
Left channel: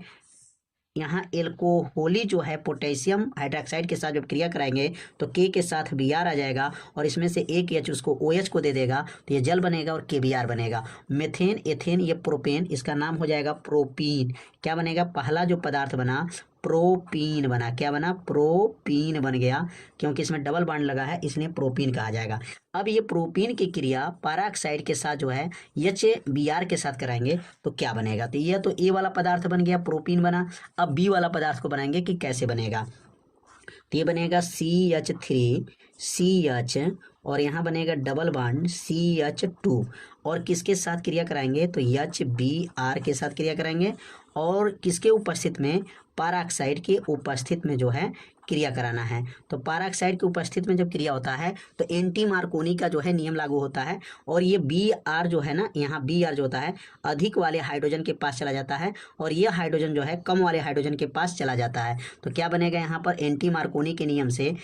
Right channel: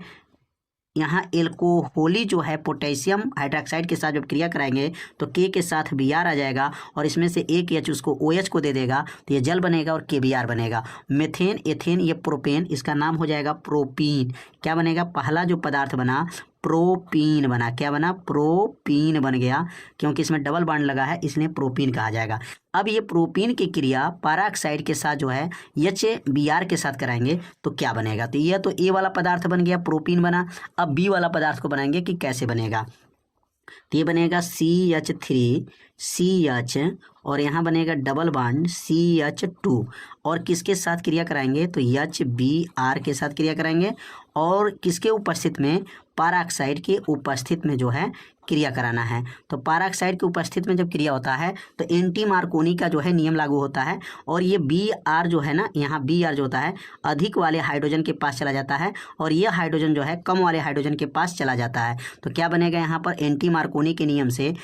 यहाँ एल्कोहली जो है पोटेशियम हाइड्रोक्साइड के साथ जब क्रिया कराएंगे तो K के साथ Br आ जाएगा और इसमें से एक H उसको OH को दे देगा तो ये जल बनेगा और KBr बनेगा। मेथेन, एथेन, ये प्रोपेन, इसका नाम हो जाएगा प्रोपीन। क्या बनेगा, पहला जो पदार्थ बना प्रोपीन बना, क्या बना, प्रोपीन बन गया, क्योंकि इसमें डबल बॉन्ड लगा है इसलिए प्रोपीन कहा जाएगा। अब ये प्रोपीन की क्रिया पैरोक्साइड के साथ जो है HBr के साथ कराएंगे तो क्या बनेगा, तो यह तो ए वाला पदार्थ बन गया, प्रोपीन बना। अब बी वाला पदार्थ को बनाएंगे कि कैसे बनेगा, तो ये बनेगा CH3 CH और यहाँ बनेगा डबल बॉन्ड CH2, और किसके साथ क्रिया कराएंगे तो HBr के साथ क्रिया कराएंगे, और किसके उपस्थित में, पैरोक्साइड की उपस्थिति में जो है क्रिया कराना है। तो पैरोक्साइड की उपस्थिति में जब क्रिया होता है तो एंटी मार्कोनी का जो है नियम लागू होता है, और ये Br जो है ना, यहाँ Br जो होता है अधिक वाले हाइड्रोजन के पास चला जाता है और ये हाइड्रोजन जो है कम वाले हाइड्रोजन के पास चला जाता है। तो क्या बनेगा यहाँ पर, एंटी मार्कोनी के नियम से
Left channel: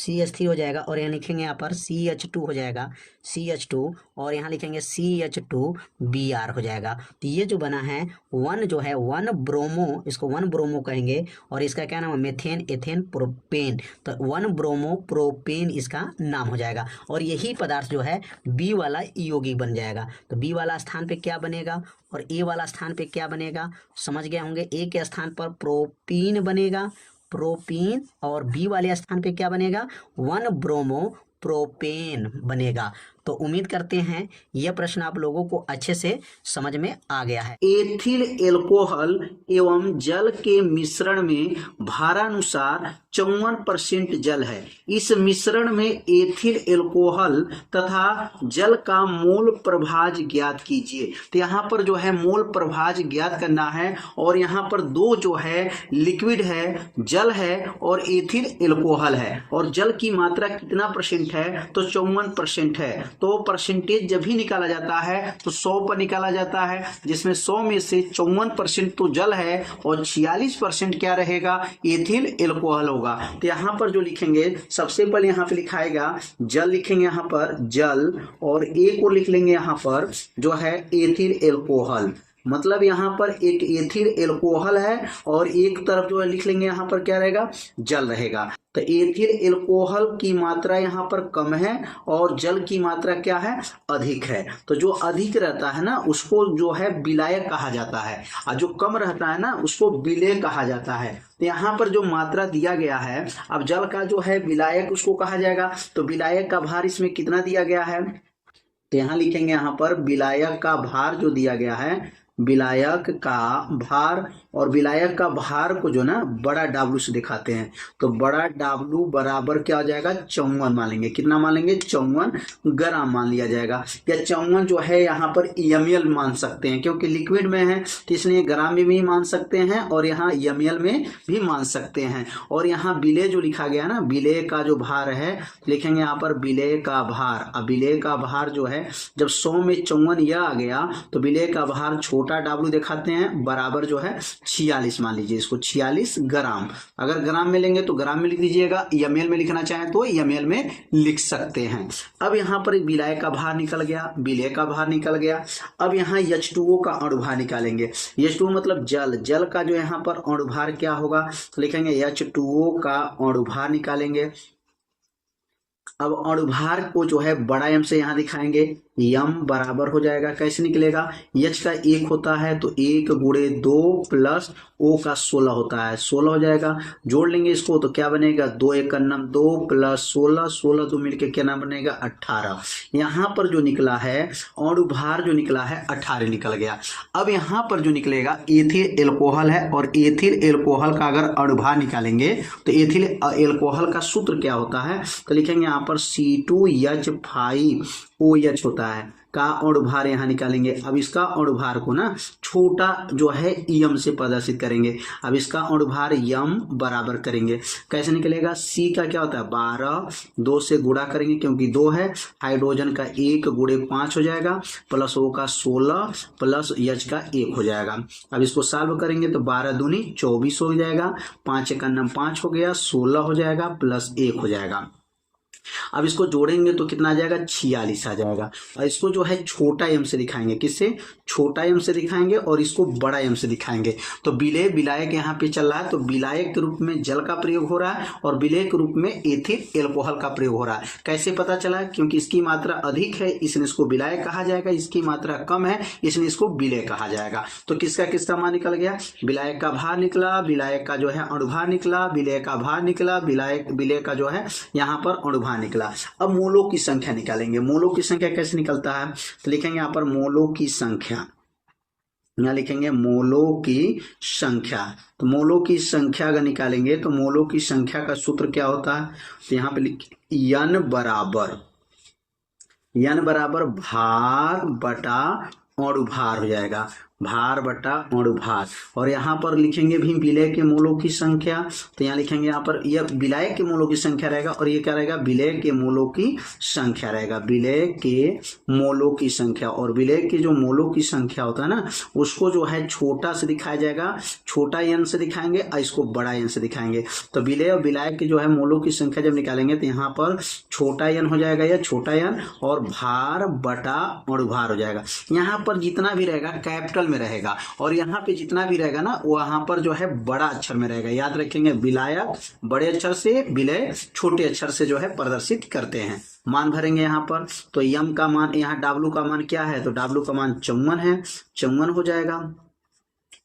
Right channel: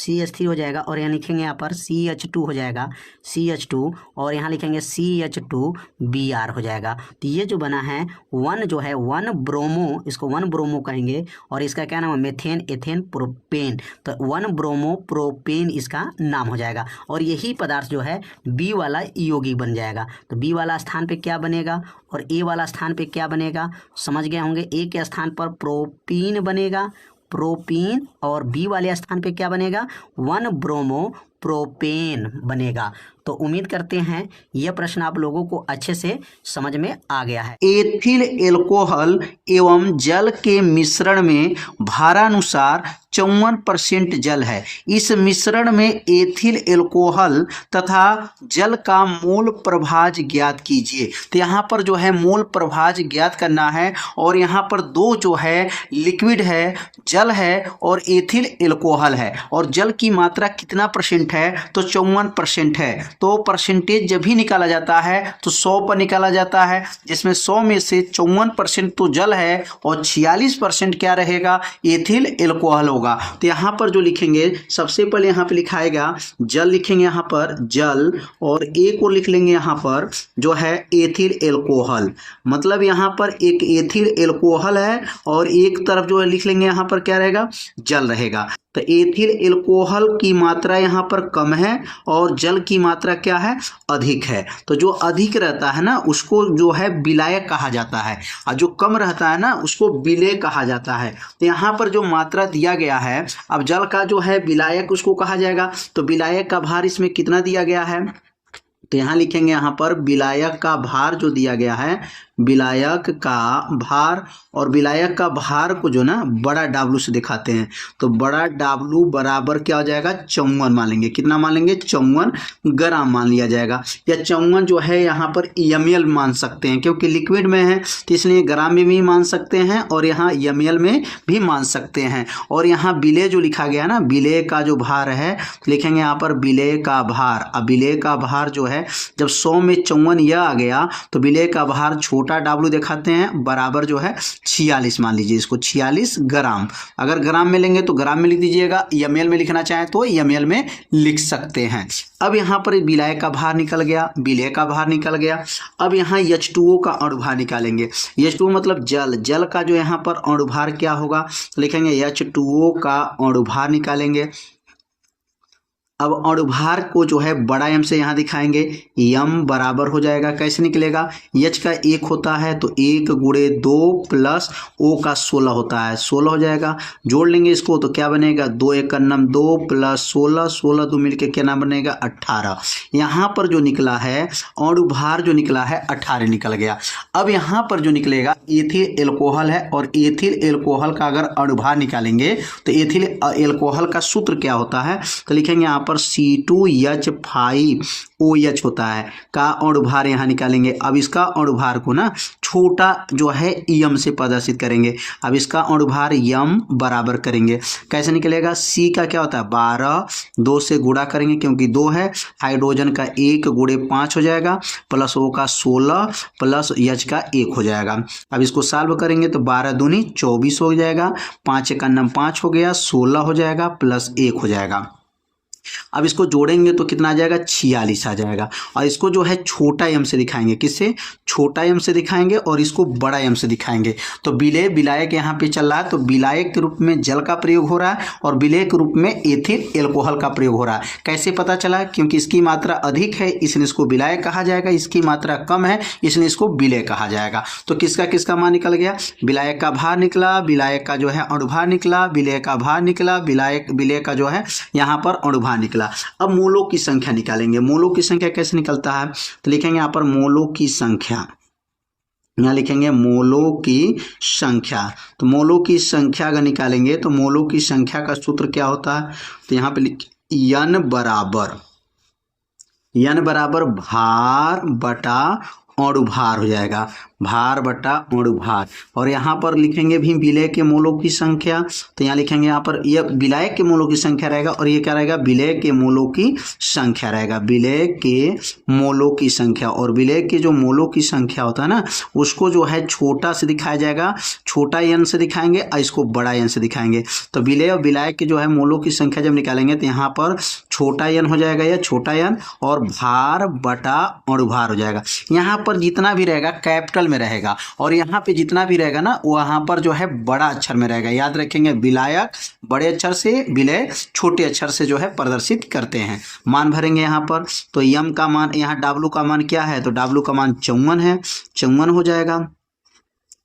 CH3 हो जाएगा, और यहाँ लिखेंगे यहाँ पर CH2 हो जाएगा, CH2, और यहाँ लिखेंगे CH2Br हो जाएगा। तो ये जो बना है वन जो है 1 ब्रोमो, इसको 1 ब्रोमो कहेंगे, और इसका क्या नाम है, मेथेन एथेन प्रोपेन, तो 1 ब्रोमो प्रोपेन इसका नाम हो जाएगा। और यही पदार्थ जो है बी वाला यौगिक बन जाएगा। तो बी वाला स्थान पे क्या बनेगा और ए वाला स्थान पे क्या बनेगा, समझ गए होंगे। ए के स्थान पर प्रोपीन बनेगा, प्रोपीन, और बी वाले स्थान पे क्या बनेगा, 1 ब्रोमो प्रोपेन बनेगा। तो उम्मीद करते हैं यह प्रश्न आप लोगों को अच्छे से समझ में आ गया है। एथिल एल्कोहल एवं जल के मिश्रण में भारानुसार 54% जल है। इस मिश्रण में एथिल एल्कोहल तथा जल का मोल प्रभाज ज्ञात कीजिए। तो यहाँ पर जो है मोल प्रभाज ज्ञात करना है, और यहाँ पर दो जो है लिक्विड है, जल है और एथिल एल्कोहल है, और जल की मात्रा कितना परसेंट है, तो 54% है। तो परसेंटेज जब भी निकाला जाता है तो 100 पर निकाला जाता है, जिसमें 100 में से 54% तो जल है और 46% क्या रहेगा, एथिल एल्कोहल होगा। तो यहाँ पर जो लिखेंगे, सबसे पहले यहाँ पे लिखाएगा जल, लिखेंगे यहाँ पर जल, और एक को लिख लेंगे यहाँ पर जो है एथिल एल्कोहल, मतलब यहाँ पर एक एथिल एल्कोहल है, और एक तरफ जो है लिख लेंगे यहाँ पर क्या रहेगा, जल रहेगा। तो एथिल एल्कोहल की मात्रा यहाँ पर कम है और जल की मात्रा क्या है, अधिक है। तो जो अधिक रहता है ना उसको जो है विलायक कहा जाता है, और जो कम रहता है ना उसको विलेय कहा जाता है। तो यहाँ पर जो मात्रा दिया गया है, अब जल का जो है विलायक उसको कहा जाएगा, तो विलायक का भार इसमें कितना दिया गया है, तो यहाँ लिखेंगे यहाँ पर विलायक का भार जो दिया गया है, विलायक का भार, और विलायक का भार को जो ना बड़ा W से दिखाते हैं, तो बड़ा W बराबर क्या हो जाएगा, 54 मान लेंगे। कितना मान लेंगे, 54 ग्राम मान लिया जाएगा, या 54 जो है यहाँ पर ml मान सकते हैं, क्योंकि लिक्विड में है तो इसलिए ग्राम में भी मान सकते हैं और यहाँ ml में भी मान सकते हैं। और यहाँ विलेय जो लिखा गया ना, विलेय का जो भार है लिखेंगे यहाँ पर विलेय का भार। अब विलेय का भार जो है जब 100 में 54 यह आ गया तो विलेय का भार छोटा W दिखाते हैं, बराबर जो है 46 मान लीजिए इसको, 46 ग्राम। अगर ग्राम में लेंगे तो ग्राम में लिख दीजिएगा, ml में लिखना चाहें तो ml में लिख सकते हैं। अब यहाँ पर विलाय का भार निकल गया, विलेय का भार निकल गया। अब यहाँ H2O का अणुभार निकालेंगे। H2O मतलब जल, जल का जो यहाँ पर अणुभार क्या होगा, लिखेंगे H2O का अणुभार निकालेंगे। अब अणुभार को जो है बड़ा M से यहाँ दिखाएंगे, M बराबर हो जाएगा, कैसे निकलेगा, H का 1 होता है तो 1 गुणे 2 प्लस O का 16 होता है, 16 हो जाएगा। जोड़ लेंगे इसको तो क्या बनेगा, 2 1 का नाम 2 प्लस 16, 16 2 मिलके क्या नाम बनेगा, 18। यहाँ पर जो निकला है अणुभार जो निकला है 18 निकल गया। अब यहाँ पर जो निकलेगा एथिल एल्कोहल है, और एथिल एल्कोहल का अगर अणुभार निकालेंगे तो एथिल एल्कोहल का सूत्र क्या होता है, तो लिखेंगे यहाँ पर C2H5OH होता है का अणुभार यहाँ निकालेंगे। अब इसका अणुभार को ना छोटा जो है m से प्रदर्शित करेंगे। अब इसका अणुभार m बराबर करेंगे, कैसे निकलेगा, C का क्या होता है 12, 2 से गुणा करेंगे क्योंकि 2 है, हाइड्रोजन का 1 गुणे 5 हो जाएगा, प्लस O का 16 प्लस H का 1 हो जाएगा। अब इसको सॉल्व करेंगे तो 12 दूनी 24 हो जाएगा, 5 का नाम 5 हो गया, 16 हो जाएगा प्लस 1 हो जाएगा। अब इसको जोड़ेंगे तो कितना आ जाएगा, 46 आ जाएगा। और इसको जो है छोटा m से दिखाएंगे, किससे, छोटा m से दिखाएंगे, और इसको बड़ा m से दिखाएंगे। तो विलेय विलायक यहाँ पे चल रहा है, तो विलायक के रूप में जल का प्रयोग हो रहा है और विलेय के रूप में एथिल एल्कोहल का प्रयोग हो रहा है। कैसे पता चला, क्योंकि इसकी मात्रा अधिक है इसलिए इसको विलायक कहा जाएगा, इसकी मात्रा कम है इसलिए इसको विलेय कहा जाएगा। तो किसका किसका मान निकल गया, विलायक का भार निकला, विलायक का जो है अणुभार निकला, विलेय का भार निकला, विलेय का जो है यहाँ पर अणुभार निकला। अब मोलों की संख्या निकालेंगे। मोलों की संख्या कैसे निकलता है, तो लिखेंगे यहाँ पर मोलों की संख्या, यहाँ लिखेंगे मोलों की संख्या। तो मोलों की संख्या अगर निकालेंगे तो मोलों की संख्या का सूत्र क्या होता है, तो यहाँ पे N बराबर भार बटा अणुभार हो जाएगा। भार बटा अणुभार। और यहाँ पर लिखेंगे भी विलय के मोलों की संख्या, तो यहाँ लिखेंगे यहाँ पर यह विलय के मोलों की संख्या रहेगा और ये क्या रहेगा, विलय के मोलों की संख्या रहेगा, विलय के मोलों की संख्या। और विलय के जो मोलों की संख्या होता है ना, उसको जो है छोटा से दिखाया जाएगा, छोटा एन से दिखाएंगे और इसको बड़ा एन से दिखाएंगे। तो विलय और विलायक के जो है मोलों की संख्या जब निकालेंगे तो यहाँ पर छोटा एन हो जाएगा, या छोटा एन, और भार बटा अणुभार हो जाएगा। यहाँ पर जितना भी रहेगा कैपिटल में रहेगा, और यहाँ पे जितना भी रहेगा ना वहाँ पर जो है बड़ा अक्षर में रहेगा। याद रखेंगे, विलायक बड़े अक्षर से, विलय छोटे अक्षर से जो है प्रदर्शित करते हैं। मान भरेंगे यहाँ पर, तो यम का मान, यहाँ डब्लू का मान क्या है, तो डब्लू का मान 54 है, 54 हो जाएगा।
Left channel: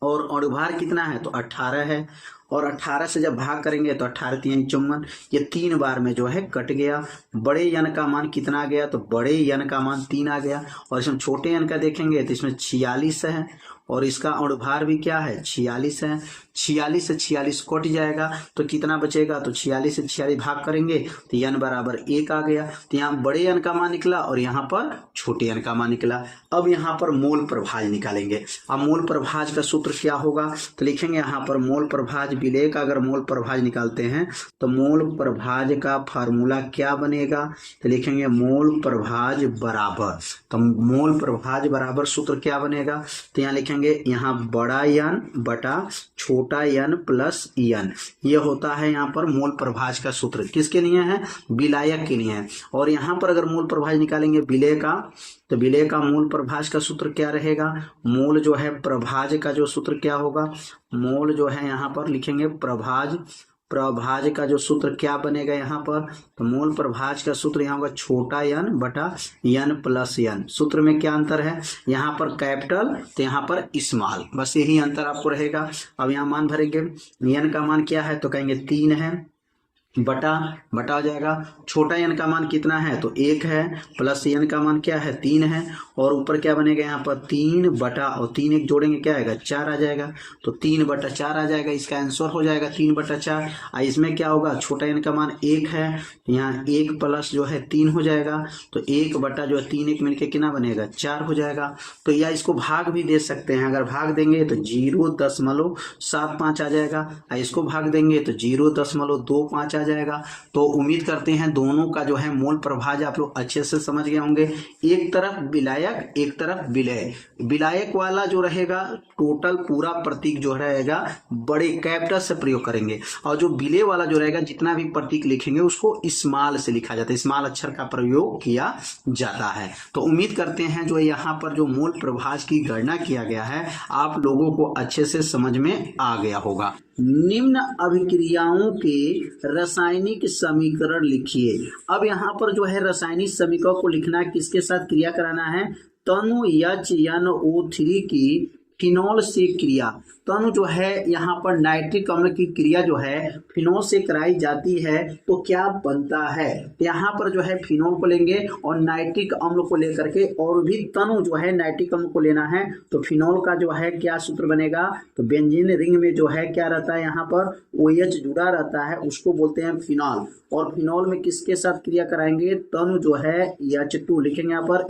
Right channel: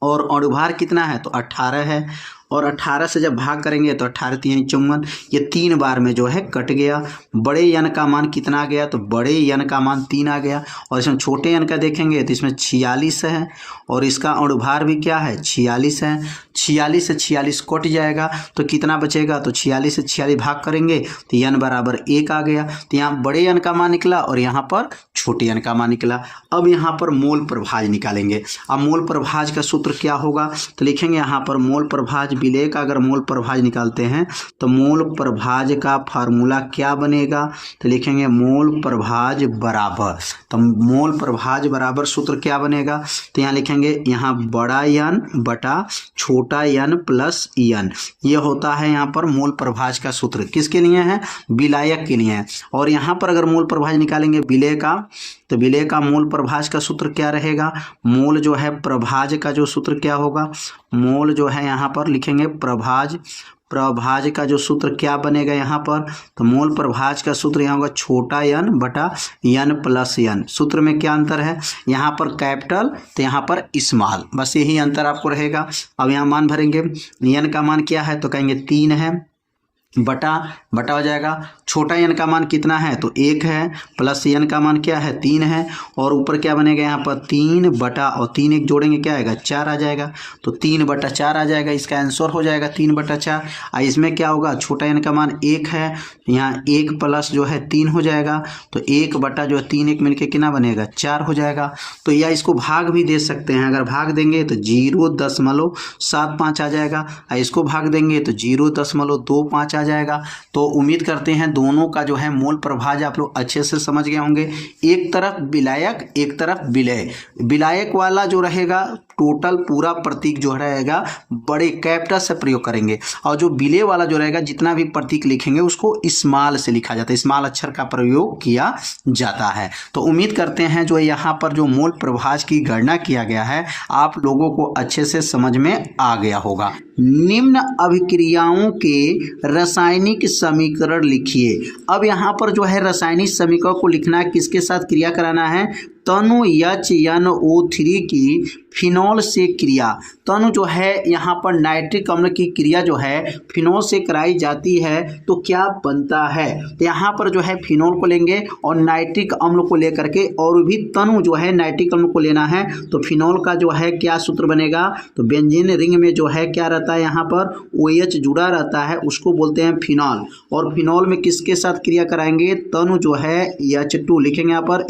और अणुभार कितना है, तो 18 है। और 18 से जब भाग करेंगे तो 18 3 54, ये 3 बार में जो है कट गया। बड़े यन का मान कितना आ गया, तो बड़े यन का मान 3 आ गया। और इसमें छोटे यन का देखेंगे तो इसमें 46 है, और इसका अणुभार भी क्या है, 46 है। 46 से 46 कट जाएगा तो कितना बचेगा, तो 46 से 46 भाग करेंगे तो यन बराबर 1 आ गया। तो यहाँ बड़े यन का मान निकला और यहाँ पर छोटे यन का मान निकला। अब यहाँ पर मोल प्रभाज निकालेंगे। अब मोल प्रभाज का सूत्र क्या होगा, तो लिखेंगे यहाँ पर मोल प्रभाज, विलय का अगर मोल प्रभाज निकालते हैं तो मोल प्रभाज का फार्मूला क्या बनेगा, तो लिखेंगे मोल प्रभाज बराबर, तो मोल प्रभाज बराबर सूत्र क्या बनेगा, तो यहाँ लिखेंगे यहाँ बड़ा यन बटा छोटा यन प्लस यन, ये होता है यहाँ पर मोल प्रभाज का सूत्र। किसके लिए है, विलायक के लिए है। और यहाँ पर अगर मोल प्रभाज निकालेंगे विलय का, तो विलय का मोल प्रभाज का सूत्र क्या रहेगा, मोल जो है प्रभाज का जो सूत्र क्या होगा, मोल जो है यहाँ पर लिखेंगे प्रभाज, प्रभाज का जो सूत्र क्या बनेगा यहाँ पर, तो मोल प्रभाज का सूत्र यहाँ होगा छोटा यन बटा यन प्लस यन। सूत्र में क्या अंतर है, यहाँ पर कैपिटल तो यहाँ पर स्मॉल, बस यही अंतर आपको रहेगा। अब यहाँ मान भरेंगे, यन का मान क्या है, तो कहेंगे 3 है, बटा बटा हो जाएगा। छोटा यन का मान कितना है, तो 1 है, प्लस यन का मान क्या है, 3 है, और ऊपर क्या बनेगा यहाँ पर 3 बटा, और 3 एक जोड़ेंगे क्या आएगा, 4 आ जाएगा। तो 3 बटा 4 आ जाएगा, इसका आंसर हो जाएगा 3 बटा 4। इसमें क्या होगा, छोटा यन का मान 1 है, यहाँ 1 प्लस जो है 3 हो जाएगा, तो 1 बटा जो है 3 1 मिलके कितना बनेगा, 4 हो जाएगा। तो या इसको भाग भी दे सकते हैं, अगर भाग देंगे तो 0.75 आ जाएगा, इसको भाग देंगे तो 0.25 आ जाएगा। तो उम्मीद करते हैं दोनों का जो है मोल प्रभाज आप लोग अच्छे से समझ गए होंगे। एक तरफ विलायक, एक तरफ विलय। विलायक वाला जो रहेगा टोटल पूरा प्रतीक जो रहेगा बड़े कैपिटल से प्रयोग करेंगे, और जो विलय वाला जो रहेगा जितना भी प्रतीक लिखेंगे उसको स्मॉल से लिखा जाता है, स्मॉल अक्षर का प्रयोग किया जाता है। तो उम्मीद करते हैं जो यहाँ पर जो मोल प्रभाज की गणना किया गया है आप लोगों को अच्छे से समझ में आ गया होगा। निम्न अभिक्रियाओं के रासायनिक समीकरण लिखिए। अब यहाँ पर जो है रासायनिक समीकरण को लिखना है, किसके साथ क्रिया कराना है, तनु HNO3 की फिनॉल से क्रिया। तनु जो है यहाँ पर नाइट्रिक अम्ल की क्रिया जो है फिनॉल से कराई जाती है, तो क्या बनता है, तो यहाँ पर जो है फिनॉल को लेंगे और नाइट्रिक अम्ल को लेकर के, और भी तनु जो है नाइट्रिक अम्ल को लेना है, तो फिनॉल का जो है क्या सूत्र बनेगा, तो बेंजीन रिंग में जो है क्या रहता है, यहाँ पर OH जुड़ा रहता है, उसको बोलते हैं फिनॉल। और फिनॉल में किसके साथ क्रिया कराएंगे, तनु जो है H2 लिखेंगे यहाँ पर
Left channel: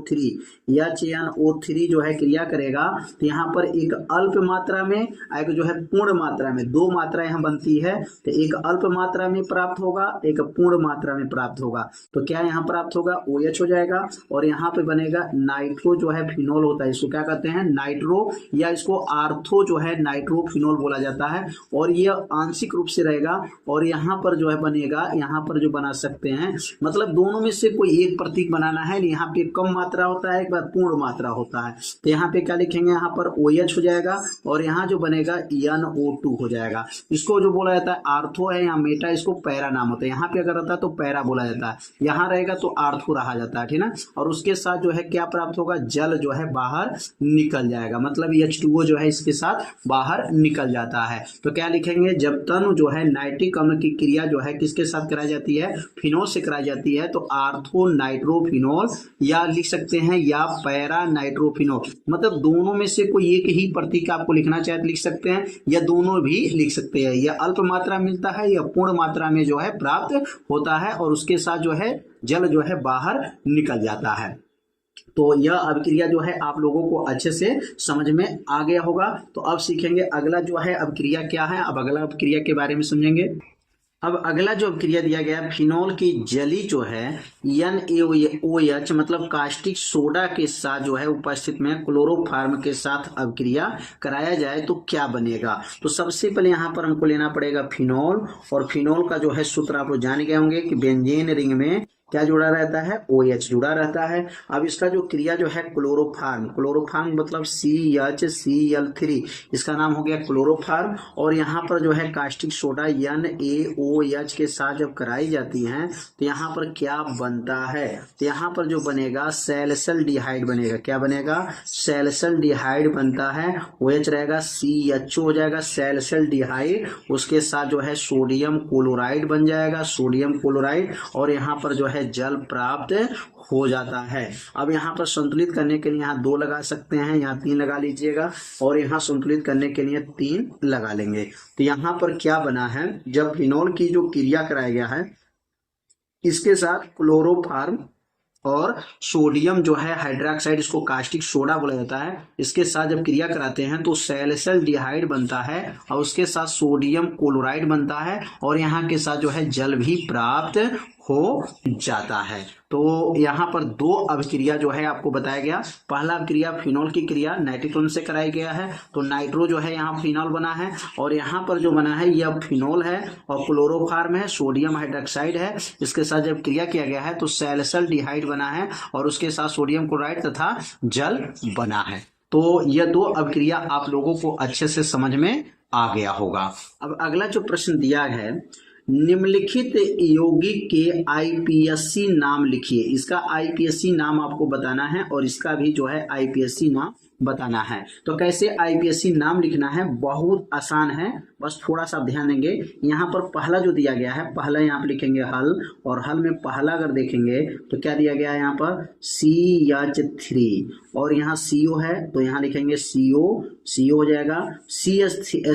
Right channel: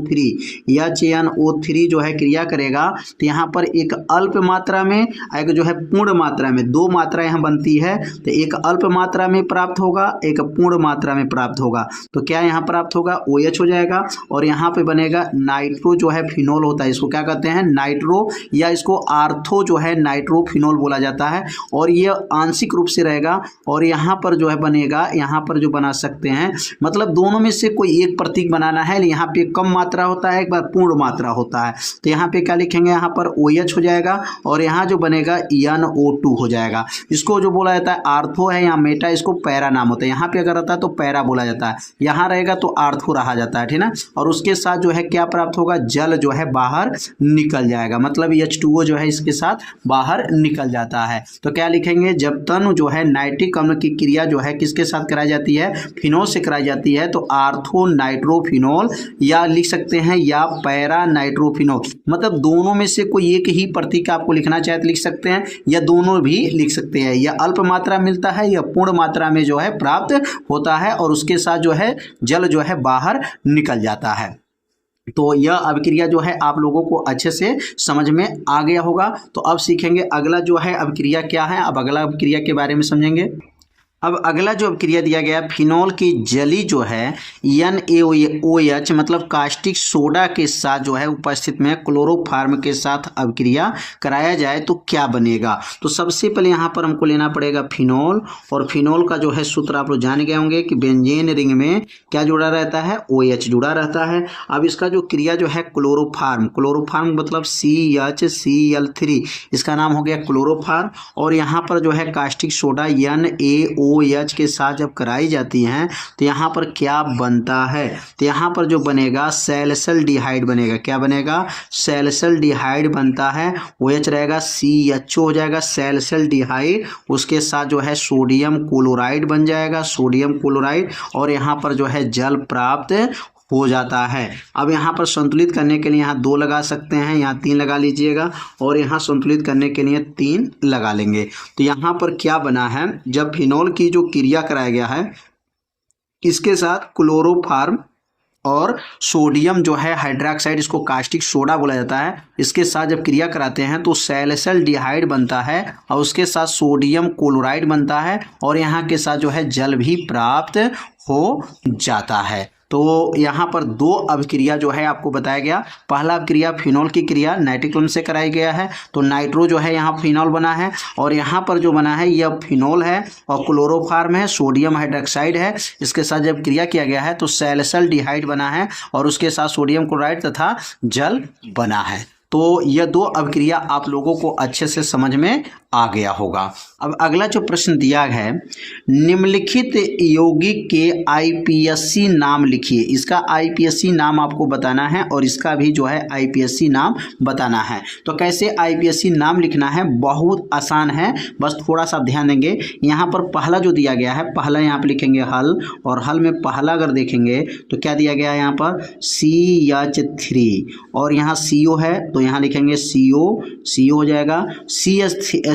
HNO3 जो है क्रिया करेगा, तो यहाँ पर एक अल्प मात्रा में, एक जो है पूर्ण मात्रा में, 2 मात्रा यहाँ बनती है, तो एक अल्प मात्रा में प्राप्त होगा, एक पूर्ण मात्रा में प्राप्त होगा। तो क्या यहाँ प्राप्त होगा, OH हो जाएगा, और यहाँ पे बनेगा नाइट्रो जो है फिनॉल होता है, इसको क्या कहते हैं, नाइट्रो, या इसको आर्थो जो है नाइट्रोफिनॉल बोला जाता है, और ये आंशिक रूप से रहेगा। और यहाँ पर जो है बनेगा, यहाँ पर जो बना सकते हैं, मतलब दोनों में से कोई एक प्रतीक बनाना है, यहाँ पे कम मात्रा होता है, एक बार पूर्ण मात्रा होता है, तो यहाँ पे क्या लिखेंगे, यहाँ पर OH हो जाएगा, और यहाँ जो बनेगा NO2 हो जाएगा। इसको जो बोला जाता है आर्थो है, यहाँ मेटा, इसको पैरा नाम होता है, यहाँ पे अगर रहता है तो पैरा बोला जाता है, यहाँ रहेगा तो आर्थो रहा जाता है, ठीक ना। और उसके साथ जो है क्या प्राप्त होगा, जल जो है बाहर निकल जाएगा, मतलब H2O जो है इसके साथ बाहर निकल जाता है। तो क्या लिखेंगे, जब तनु जो है नाइट्रिक अम्ल की क्रिया जो है किसके साथ कराई जाती है, फिनॉल से कराई जाती है, तो आर्थो नाइट्रोफिनॉल, या लिख सकते हैं या पैरा नाइट्रोफिनॉल, मतलब दोनों में से कोई एक ही प्रतीक आपको लिखना चाहे तो लिख सकते हैं, या दोनों भी लिख सकते हैं। या अल्प मात्रा मिलता है या पूर्ण मात्रा में जो है प्राप्त होता है, और उसके साथ जो है जल जो है बाहर निकल जाता है। तो यह अभिक्रिया जो है आप लोगों को अच्छे से समझ में आ गया होगा। तो अब सीखेंगे अगला जो है अभिक्रिया क्या है। अब अगला अभिक्रिया के बारे में समझेंगे। अब अगला जो अभिक्रिया दिया गया, फिनॉल की जली जो है NaOH मतलब कास्टिक सोडा के साथ जो है उपस्थित में क्लोरोफार्म के साथ अभिक्रिया कराया जाए तो क्या बनेगा। तो सबसे पहले यहाँ पर हमको लेना पड़ेगा फिनॉल, और फिनॉल का जो है सूत्र आप लोग जान गए होंगे कि बेंजीन रिंग में क्या जुड़ा रहता है, OH जुड़ा रहता है। अब इसका जो क्रिया जो है क्लोरोफार्म, क्लोरोफार्म मतलब CHCl3, इसका नाम हो गया क्लोरोफार्म। और यहाँ पर जो है कास्टिक सोडा NaOH के साथ जब कराई जाती हैं तो यहाँ पर क्या बनता है, तो यहाँ पर जो बनेगा सैलिसिल्डिहाइड बनेगा। क्या बनेगा, सैलिसिल्डिहाइड बनता है। OH रहेगा, CHO हो जाएगा सैलिसिल्डिहाइड, उसके साथ जो है सोडियम क्लोराइड बन जाएगा, सोडियम क्लोराइड, और यहाँ पर जो है जल प्राप्त हो जाता है। अब यहाँ पर संतुलित करने के लिए यहाँ 2 लगा सकते हैं, यहाँ 3 लगा लीजिएगा, और यहाँ संतुलित करने के लिए 3 लगा लेंगे। तो यहाँ पर क्या बना है, जब फिनॉल की जो क्रिया कराया गया है इसके साथ क्लोरोफार्म और सोडियम जो है हाइड्रोक्साइड, इसको कास्टिक सोडा बोला जाता है, इसके साथ जब क्रिया कराते हैं तो सैलिसिल्डिहाइड बनता है और उसके साथ सोडियम क्लोराइड बनता है, और यहाँ के साथ जो है जल भी प्राप्त हो जाता है। तो यहाँ पर 2 अभिक्रिया जो है आपको बताया गया। पहला अभिक्रिया फिनॉल की क्रिया नाइट्रिक अम्ल से कराई गया है, तो नाइट्रो जो है यहाँ फिनॉल बना है, और यहाँ पर जो बना है यह फिनॉल है और क्लोरोफार्म है, सोडियम हाइड्रोक्साइड है, इसके साथ जब क्रिया किया गया है तो सैलिसिल्डिहाइड बना है और उसके साथ सोडियम क्लोराइड तथा जल बना है। तो यह 2 अभिक्रिया आप लोगों को अच्छे से समझ में आ गया होगा। अब अगला जो प्रश्न दिया है, निम्नलिखित यौगिक के IPSC नाम लिखिए। इसका IPSC नाम आपको बताना है और इसका भी जो है IPSC नाम बताना है। तो कैसे IPSC नाम लिखना है, बहुत आसान है, बस थोड़ा सा ध्यान देंगे। यहाँ पर पहला जो दिया गया है, पहला यहाँ पर लिखेंगे हल, और हल में पहला अगर देखेंगे तो क्या दिया गया है यहाँ पर CH3, और यहाँ CO है तो यहाँ लिखेंगे CO हो जाएगा।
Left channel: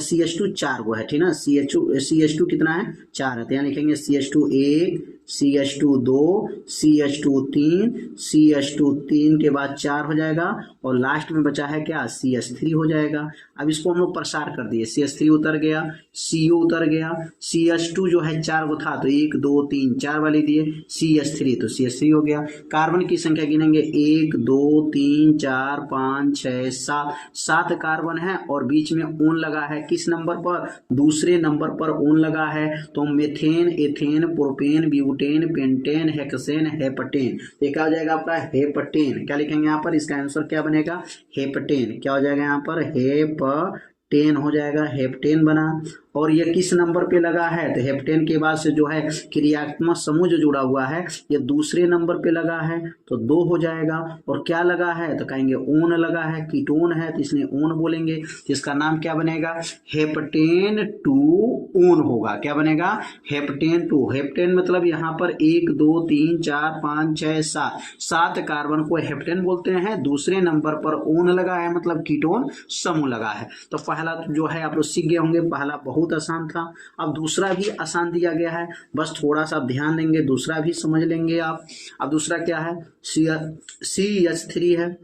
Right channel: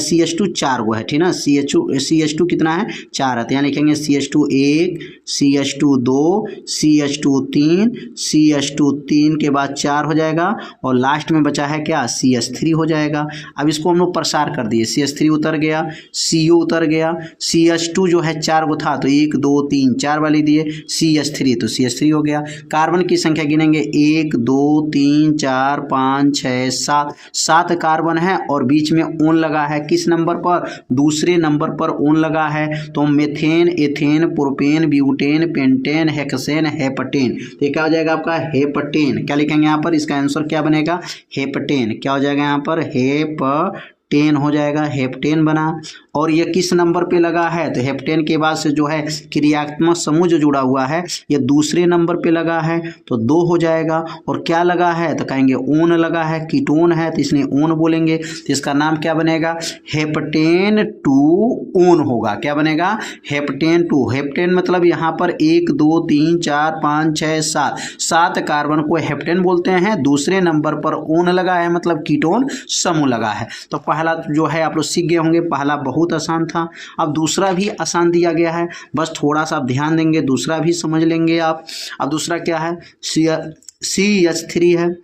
CH2 4 गो है, ठीक ना, CH2 कितना है 4 है, तो यहाँ लिखेंगे CH2 1, CH2 2, CH2 3, CH2 3 के बाद 4 हो जाएगा, और लास्ट में बचा है क्या, CH3 हो जाएगा। अब इसको हम लोग प्रसार कर दिए, CH3 उतर गया, CO उतर गया, CH2 जो है 4 गो था तो 1 2 3 4 वाली दिए, CH3 तो CH3 हो गया। कार्बन की संख्या गिनेंगे 1 2 3 4 5 6 7 कार्बन है, और बीच में ओन लगा है, किस नंबर पर, दूसरे नंबर पर ओन लगा है। तो methane, ethane, propane, butane, pentane, hexane, heptane, तो क्या हो जाएगा आपका हेप्टेन। क्या लिखेंगे यहाँ पर, इसका आंसर क्या बनेगा, हेप्टेन। क्या हो जाएगा यहाँ पर, हेप्टेन हो जाएगा, हेप्टेन बना। और ये किस नंबर पे लगा है, तो हेप्टेन के बाद से जो है क्रियात्मक समूह जो जुड़ा हुआ है ये दूसरे नंबर पे लगा है तो 2 हो जाएगा। और क्या लगा है, तो कहेंगे ओन लगा है, कीटोन है तो इसलिए ओन बोलेंगे, तो इसका नाम क्या बनेगा, हेप्टेन 2 ओन होगा। क्या बनेगा, हेप्टेन 2। हेप्टेन मतलब यहाँ पर 1 2 3 4 5 6 7 कार्बन को हेप्टेन बोलते हैं, दूसरे नंबर पर ओन लगा है मतलब कीटोन समूह लगा है। तो पहला जो है आप लोग सीख गए होंगे, पहला बहुत आसान था। अब दूसरा भी आसान दिया गया है, बस थोड़ा सा ध्यान देंगे, दूसरा भी समझ लेंगे आप। अब दूसरा क्या है, CH3 है,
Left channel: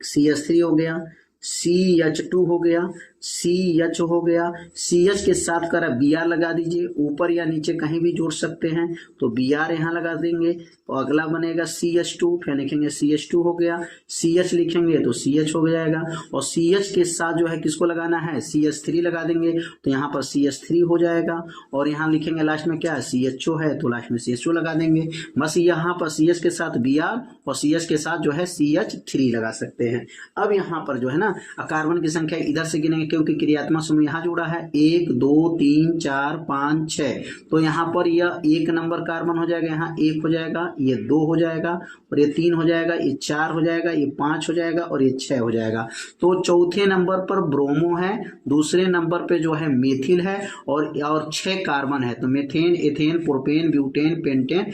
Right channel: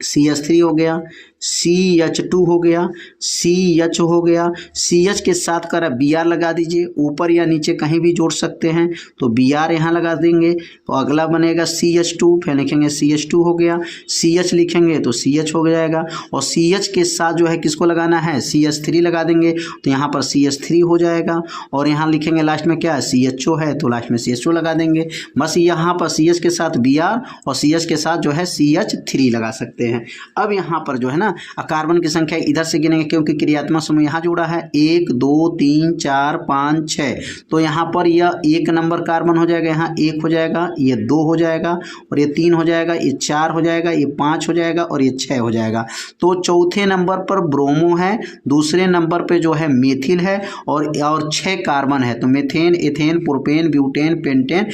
CH3 हो गया, CH2 हो गया, CH हो गया, CH के साथ कर Br लगा दीजिए, ऊपर या नीचे कहीं भी जोड़ सकते हैं, तो Br यहाँ लगा देंगे तो अगला बनेगा CH2, फिर लिखेंगे CH2 हो गया, CH लिखेंगे तो CH हो जाएगा, और CH के साथ जो है किसको लगाना है, CH3 लगा देंगे तो यहाँ पर CH3 हो जाएगा, और यहाँ लिखेंगे लास्ट में क्या CHO है तो लास्ट में CHO लगा देंगे। बस यहाँ पर CH के साथ Br और CH के साथ जो है CH3 लगा सकते हैं। अब यहाँ पर जो है ना कार्बन की संख्या इधर से गिनेंगे क्योंकि क्रियात्मक समूह यहाँ जुड़ा है, 1 2 3 4 5 6, तो यहाँ पर यह 1 नंबर कार्बन हो जाएगा, यहाँ 1 हो जाएगा, ये 2 हो जाएगा, और ये 3 हो जाएगा, ये 4 हो जाएगा, ये 5 हो जाएगा, और ये 6 हो जाएगा। तो चौथे नंबर पर ब्रोमो है, दूसरे नंबर पे जो है मेथिल है, और 6 कार्बन है, तो methane, ethane, propane, butane, pentane,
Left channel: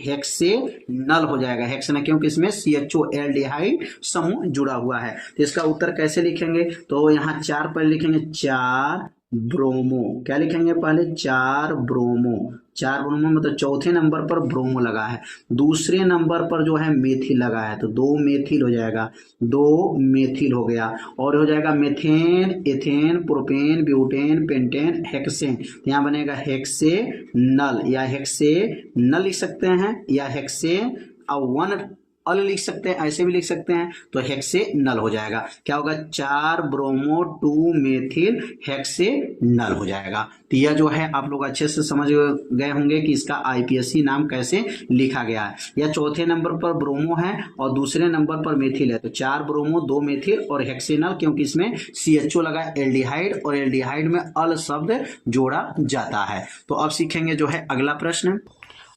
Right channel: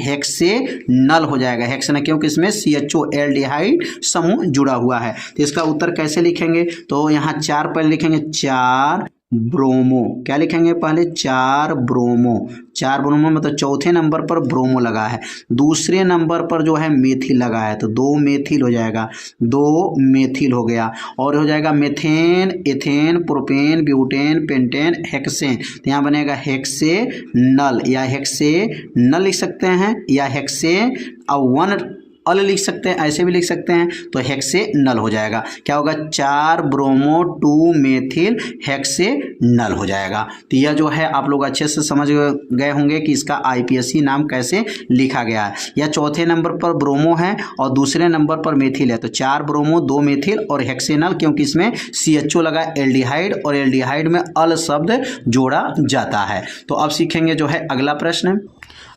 hexanal हो जाएगा। हेक्सेन क्योंकि इसमें CHO एल्डिहाइड समूह जुड़ा हुआ है। तो इसका उत्तर कैसे लिखेंगे, तो यहाँ 4 पर लिखेंगे 4 ब्रोमो। क्या लिखेंगे पहले? 4 ब्रोमो। 4 ब्रोमो मतलब चौथे नंबर पर ब्रोमो लगा है, दूसरे नंबर पर जो है मेथिल लगा है, तो 2 मेथिल हो जाएगा, 2 मेथिल हो गया। और हो जाएगा methane, ethane, propane, butane, pentane, hexane. तो यहाँ बनेगा हेक्सेनल या हेक्सेनल लिख सकते हैं, या हेक्से वन अल लिख सकते हैं, ऐसे भी लिख सकते हैं, तो हेक्सेनल हो जाएगा। क्या होगा? 4 ब्रोमो 2 मेथिल हेक्सेनल हो जाएगा। तो यह जो है आप लोग अच्छे से समझ गए होंगे कि इसका आईपीएससी नाम कैसे लिखा गया है। यह चौथे नंबर पर ब्रोमो है और दूसरे नंबर पर मेथिल है, तो 4 ब्रोमो 2 मेथिल और हेक्सेनल, क्योंकि इसमें CHO लगा, एल्डिहाइड, और एल्डिहाइड में अल शब्द जोड़ा जाता है। तो अब सीखेंगे जो है अगला प्रश्न।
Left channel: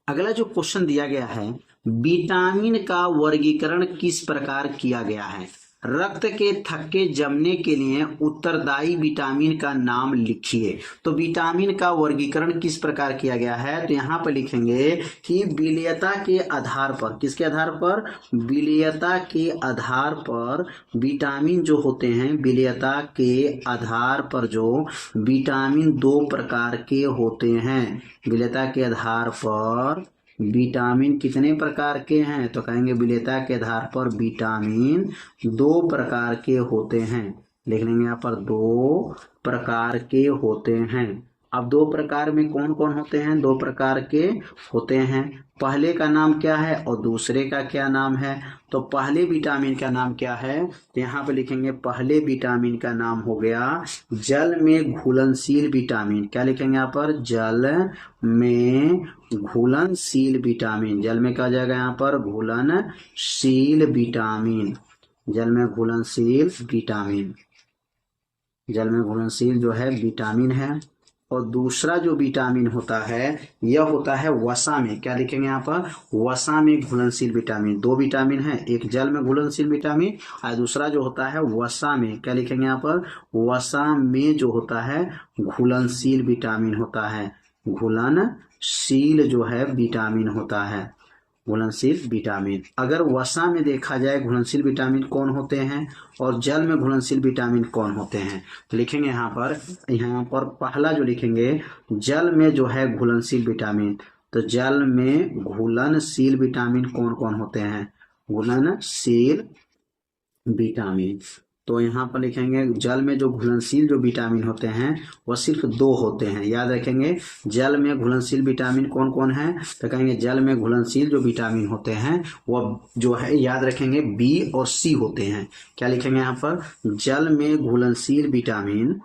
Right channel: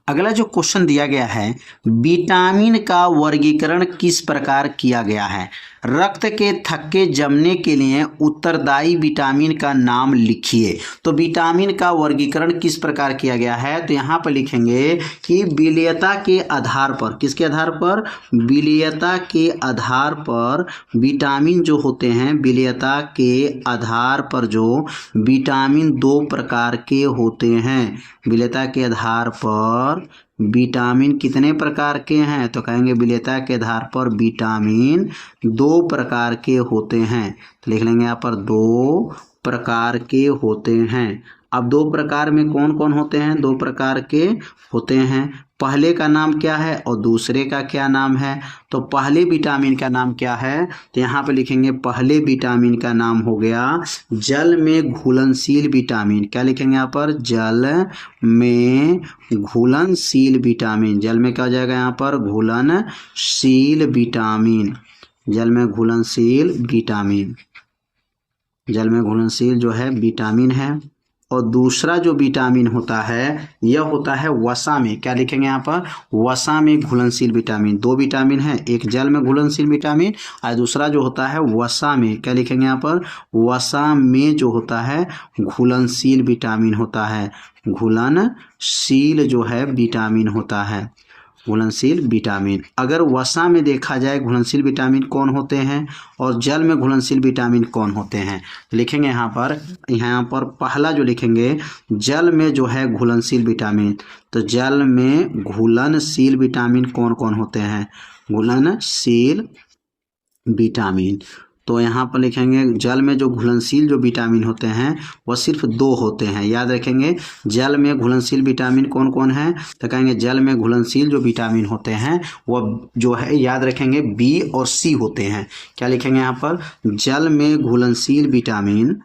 अगला जो क्वेश्चन दिया गया है, विटामिन का वर्गीकरण किस प्रकार किया गया है? रक्त के थक्के जमने के लिए उत्तरदायी विटामिन का नाम लिखिए। तो विटामिन का वर्गीकरण किस प्रकार किया गया है? तो यहाँ पर लिखेंगे कि विलेयता के आधार पर, किसके आधार पर? विलेयता के आधार पर विटामिन जो होते हैं, विलेयता के आधार पर जो विटामिन 2 प्रकार के होते हैं। विलेयता के आधार पर विटामिन कितने प्रकार के हैं? तो कहेंगे विलेयता के आधार पर विटामिन 2 प्रकार के होते हैं। तो लिख लेंगे यहाँ पर 2 प्रकार के होते हैं। अब 2 प्रकार में कौन कौन होते हैं? 2 प्रकार के होते हैं। पहले का नाम क्या है और दूसरे का क्या नाम है? तो पहले विटामिन का नाम क्या है? तो यहाँ पे लिखेंगे पहले विटामिन का नाम हो गया जल में घुलनशील विटामिन। क्या लिखेंगे यहाँ पर? जल में घुलनशील विटामिन। जल में क्या हो जाएगा यहाँ पर? घुलनशील विटामिन। जल में घुलनशील विटामिन, जल में घुलनशील जो है विटामिन है। और दूसरा जो विटामिन होता है यह होता है वसा में। क्या लिखेंगे यहाँ पर? वसा में घुलनशील विटामिन। 2 विटामिन है, एक जल में घुलनशील विटामिन और दूसरा जो होता है वसा में। क्या लिखेंगे यहाँ पर? वसा में जो होता है घुलनशील विटामिन होता है। घुलनशील जो है विटामिन होता है, घुलनशील विटामिन। अगर वसा में देखा जाए घुलनशील विटामिन कौन होते हैं और जल में घुलनशील विटामिन कौन होते हैं, तो लिखेंगे यहाँ पर पहला जो लिखेंगे जल में जो है घुलनशील विटामिन। तो जल में घुलनशील विटामिन कौन कौन होते हैं? घुलनशील विटामिन। तो यहाँ पर लिखेंगे जल में जो घुलनशील जो विटामिन होते हैं वह सिर्फ 2 होते हैं। याद रखेंगे जल में घुलनशील विटामिन कौन कौन है? तो कहेंगे जल में घुलनशील जो विटामिन होते हैं वह जो है याद रखेंगे बी और सी होते हैं। क्या लिखेंगे यहाँ पर? जल में घुलनशील विटामिन,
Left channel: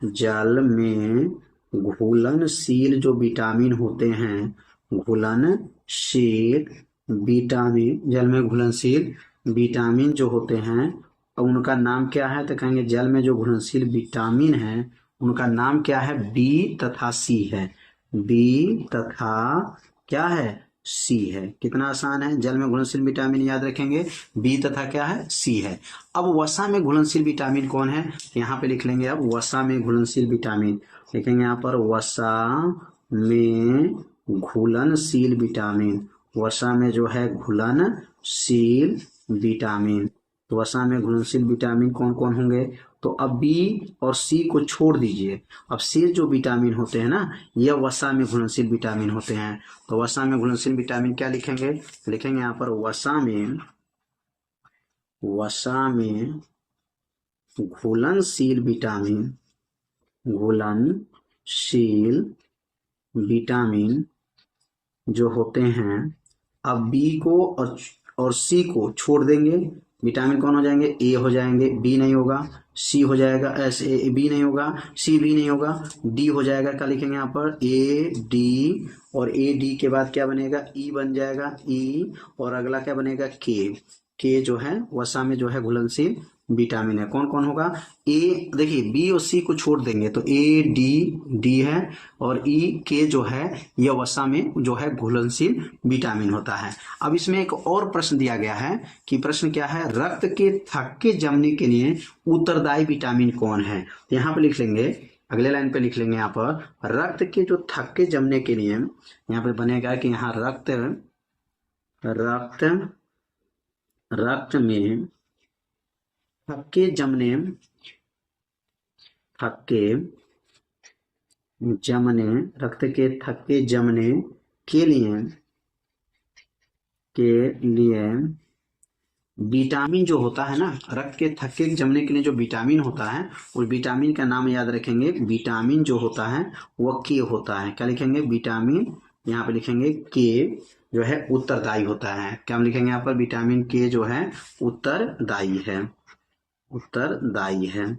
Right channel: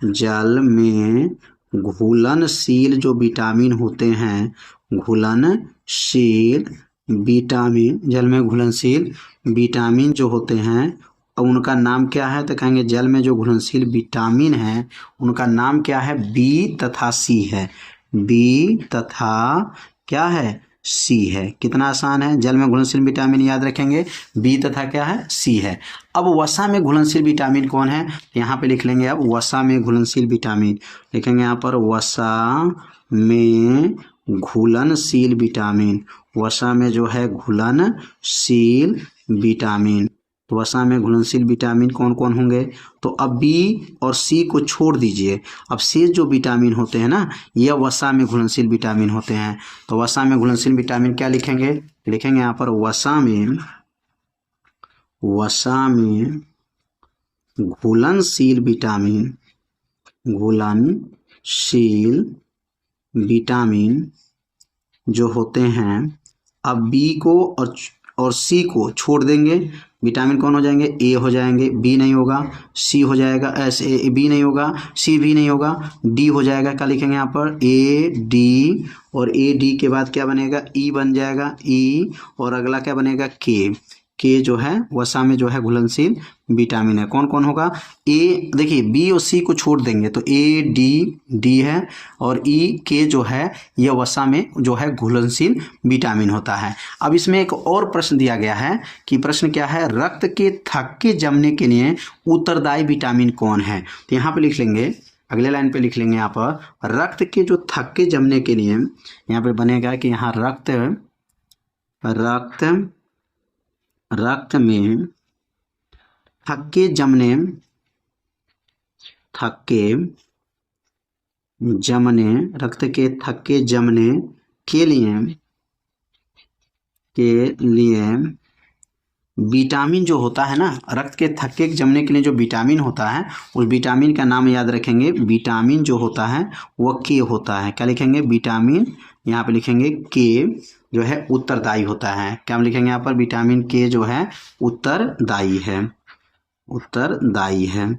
जल में घुलनशील जो विटामिन होते हैं, घुलनशील विटामिन, जल में घुलनशील विटामिन जो होते हैं उनका नाम क्या है? तो कहेंगे जल में जो घुलनशील विटामिन है उनका नाम क्या है? बी तथा सी है। बी तथा क्या है? सी है। कितना आसान है। जल में घुलनशील विटामिन याद रखेंगे बी तथा क्या है? सी है। अब वसा में घुलनशील विटामिन कौन है? यहाँ पे लिख लेंगे अब वसा में घुलनशील विटामिन। लिखेंगे यहाँ पर वसा में घुलनशील विटामिन। वसा में जो है घुलनशील विटामिन। तो वसा में घुलनशील विटामिन कौन कौन होंगे? तो अब बी और सी को छोड़ दीजिए, अब शेष जो विटामिन होते हैं ना ये वसा में घुलनशील विटामिन होते हैं। तो वसा में घुलनशील विटामिन क्या लिखेंगे? लिखेंगे यहाँ पर वसा में घुलनशील विटामिन, घुलनशील विटामिन जो होते हैं, अब बी को और सी को छोड़ देंगे, विटामिन कौन हो जाएंगे? ए हो जाएंगे, बी नहीं होगा, सी हो जाएगा, बी नहीं होगा, सी भी नहीं होगा, डी हो जाएगा। क्या लिखेंगे यहाँ पर? ए डी, और ए डी के बाद क्या बनेगा? ई बन जाएगा, ई, और अगला क्या बनेगा? के जो है वसा में जो है घुलनशील विटामिन है। कौन कौन होगा? ए, देखिए बी और सी को छोड़ देंगे तो ए डी है, और ई के जो है यह वसा में जो है घुलनशील विटामिन होता है। अब इसमें एक और प्रश्न दिया गया है कि प्रश्न क्या है? रक्त के थक्के जमने के लिए उत्तरदायी विटामिन कौन है? तो यहाँ पे लिख लेंगे, अगले लाइन पे लिख लेंगे यहाँ पर रक्त के जो थक्के जमने के लिए यहाँ पे बनेगा कि यहाँ रक्त में थक्के जमने, रक्त के थक्के जमने के लिए विटामिन जो होता है ना, रक्त के थक्के जमने के लिए जो विटामिन होता है, उस विटामिन का नाम याद रखेंगे। विटामिन जो होता है वह के होता है। क्या लिखेंगे? विटामिन, यहाँ पे लिखेंगे के जो है उत्तरदायी होता है। क्या हम लिखेंगे यहाँ पर? विटामिन के जो है उत्तरदायी है, उत्तरदायी है।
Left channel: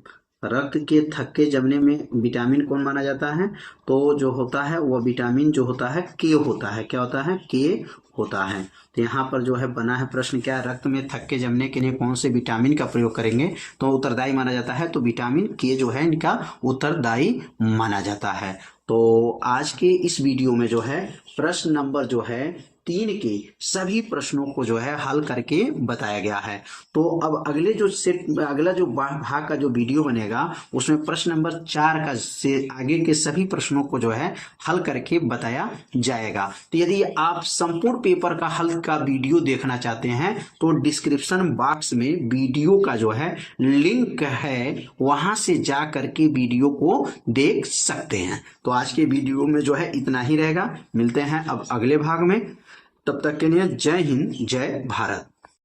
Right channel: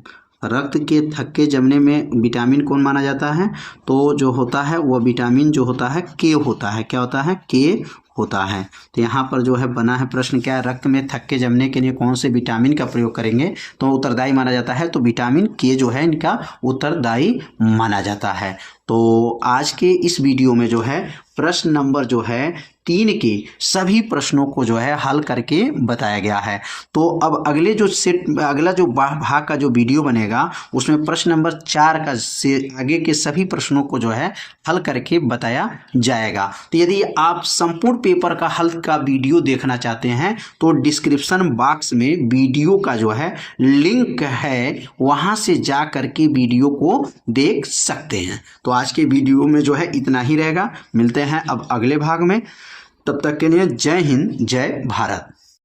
रक्त के थक्के जमने में विटामिन कौन माना जाता है? तो जो होता है वह विटामिन जो होता है के होता है। क्या होता है? के होता है। तो यहाँ पर जो है बना है प्रश्न क्या है? रक्त में थक्के जमने के लिए कौन से विटामिन का प्रयोग करेंगे तो उत्तरदायी माना जाता है? तो विटामिन के जो है इनका उत्तरदायी माना जाता है। तो आज के इस वीडियो में जो है प्रश्न नंबर जो है 3 के सभी प्रश्नों को जो है हल करके बताया गया है। तो अब अगला जो भाग का जो वीडियो बनेगा उसमें प्रश्न नंबर 4 का से आगे के सभी प्रश्नों को जो है हल करके बताया जाएगा। तो यदि आप संपूर्ण पेपर का हल का वीडियो देखना चाहते हैं तो डिस्क्रिप्शन बॉक्स में वीडियो का जो है लिंक है, वहां से जा करके वीडियो को देख सकते हैं। तो आज के वीडियो में जो है इतना ही रहेगा। मिलते हैं अब अगले भाग में। तब तक के लिए जय हिंद, जय भारत।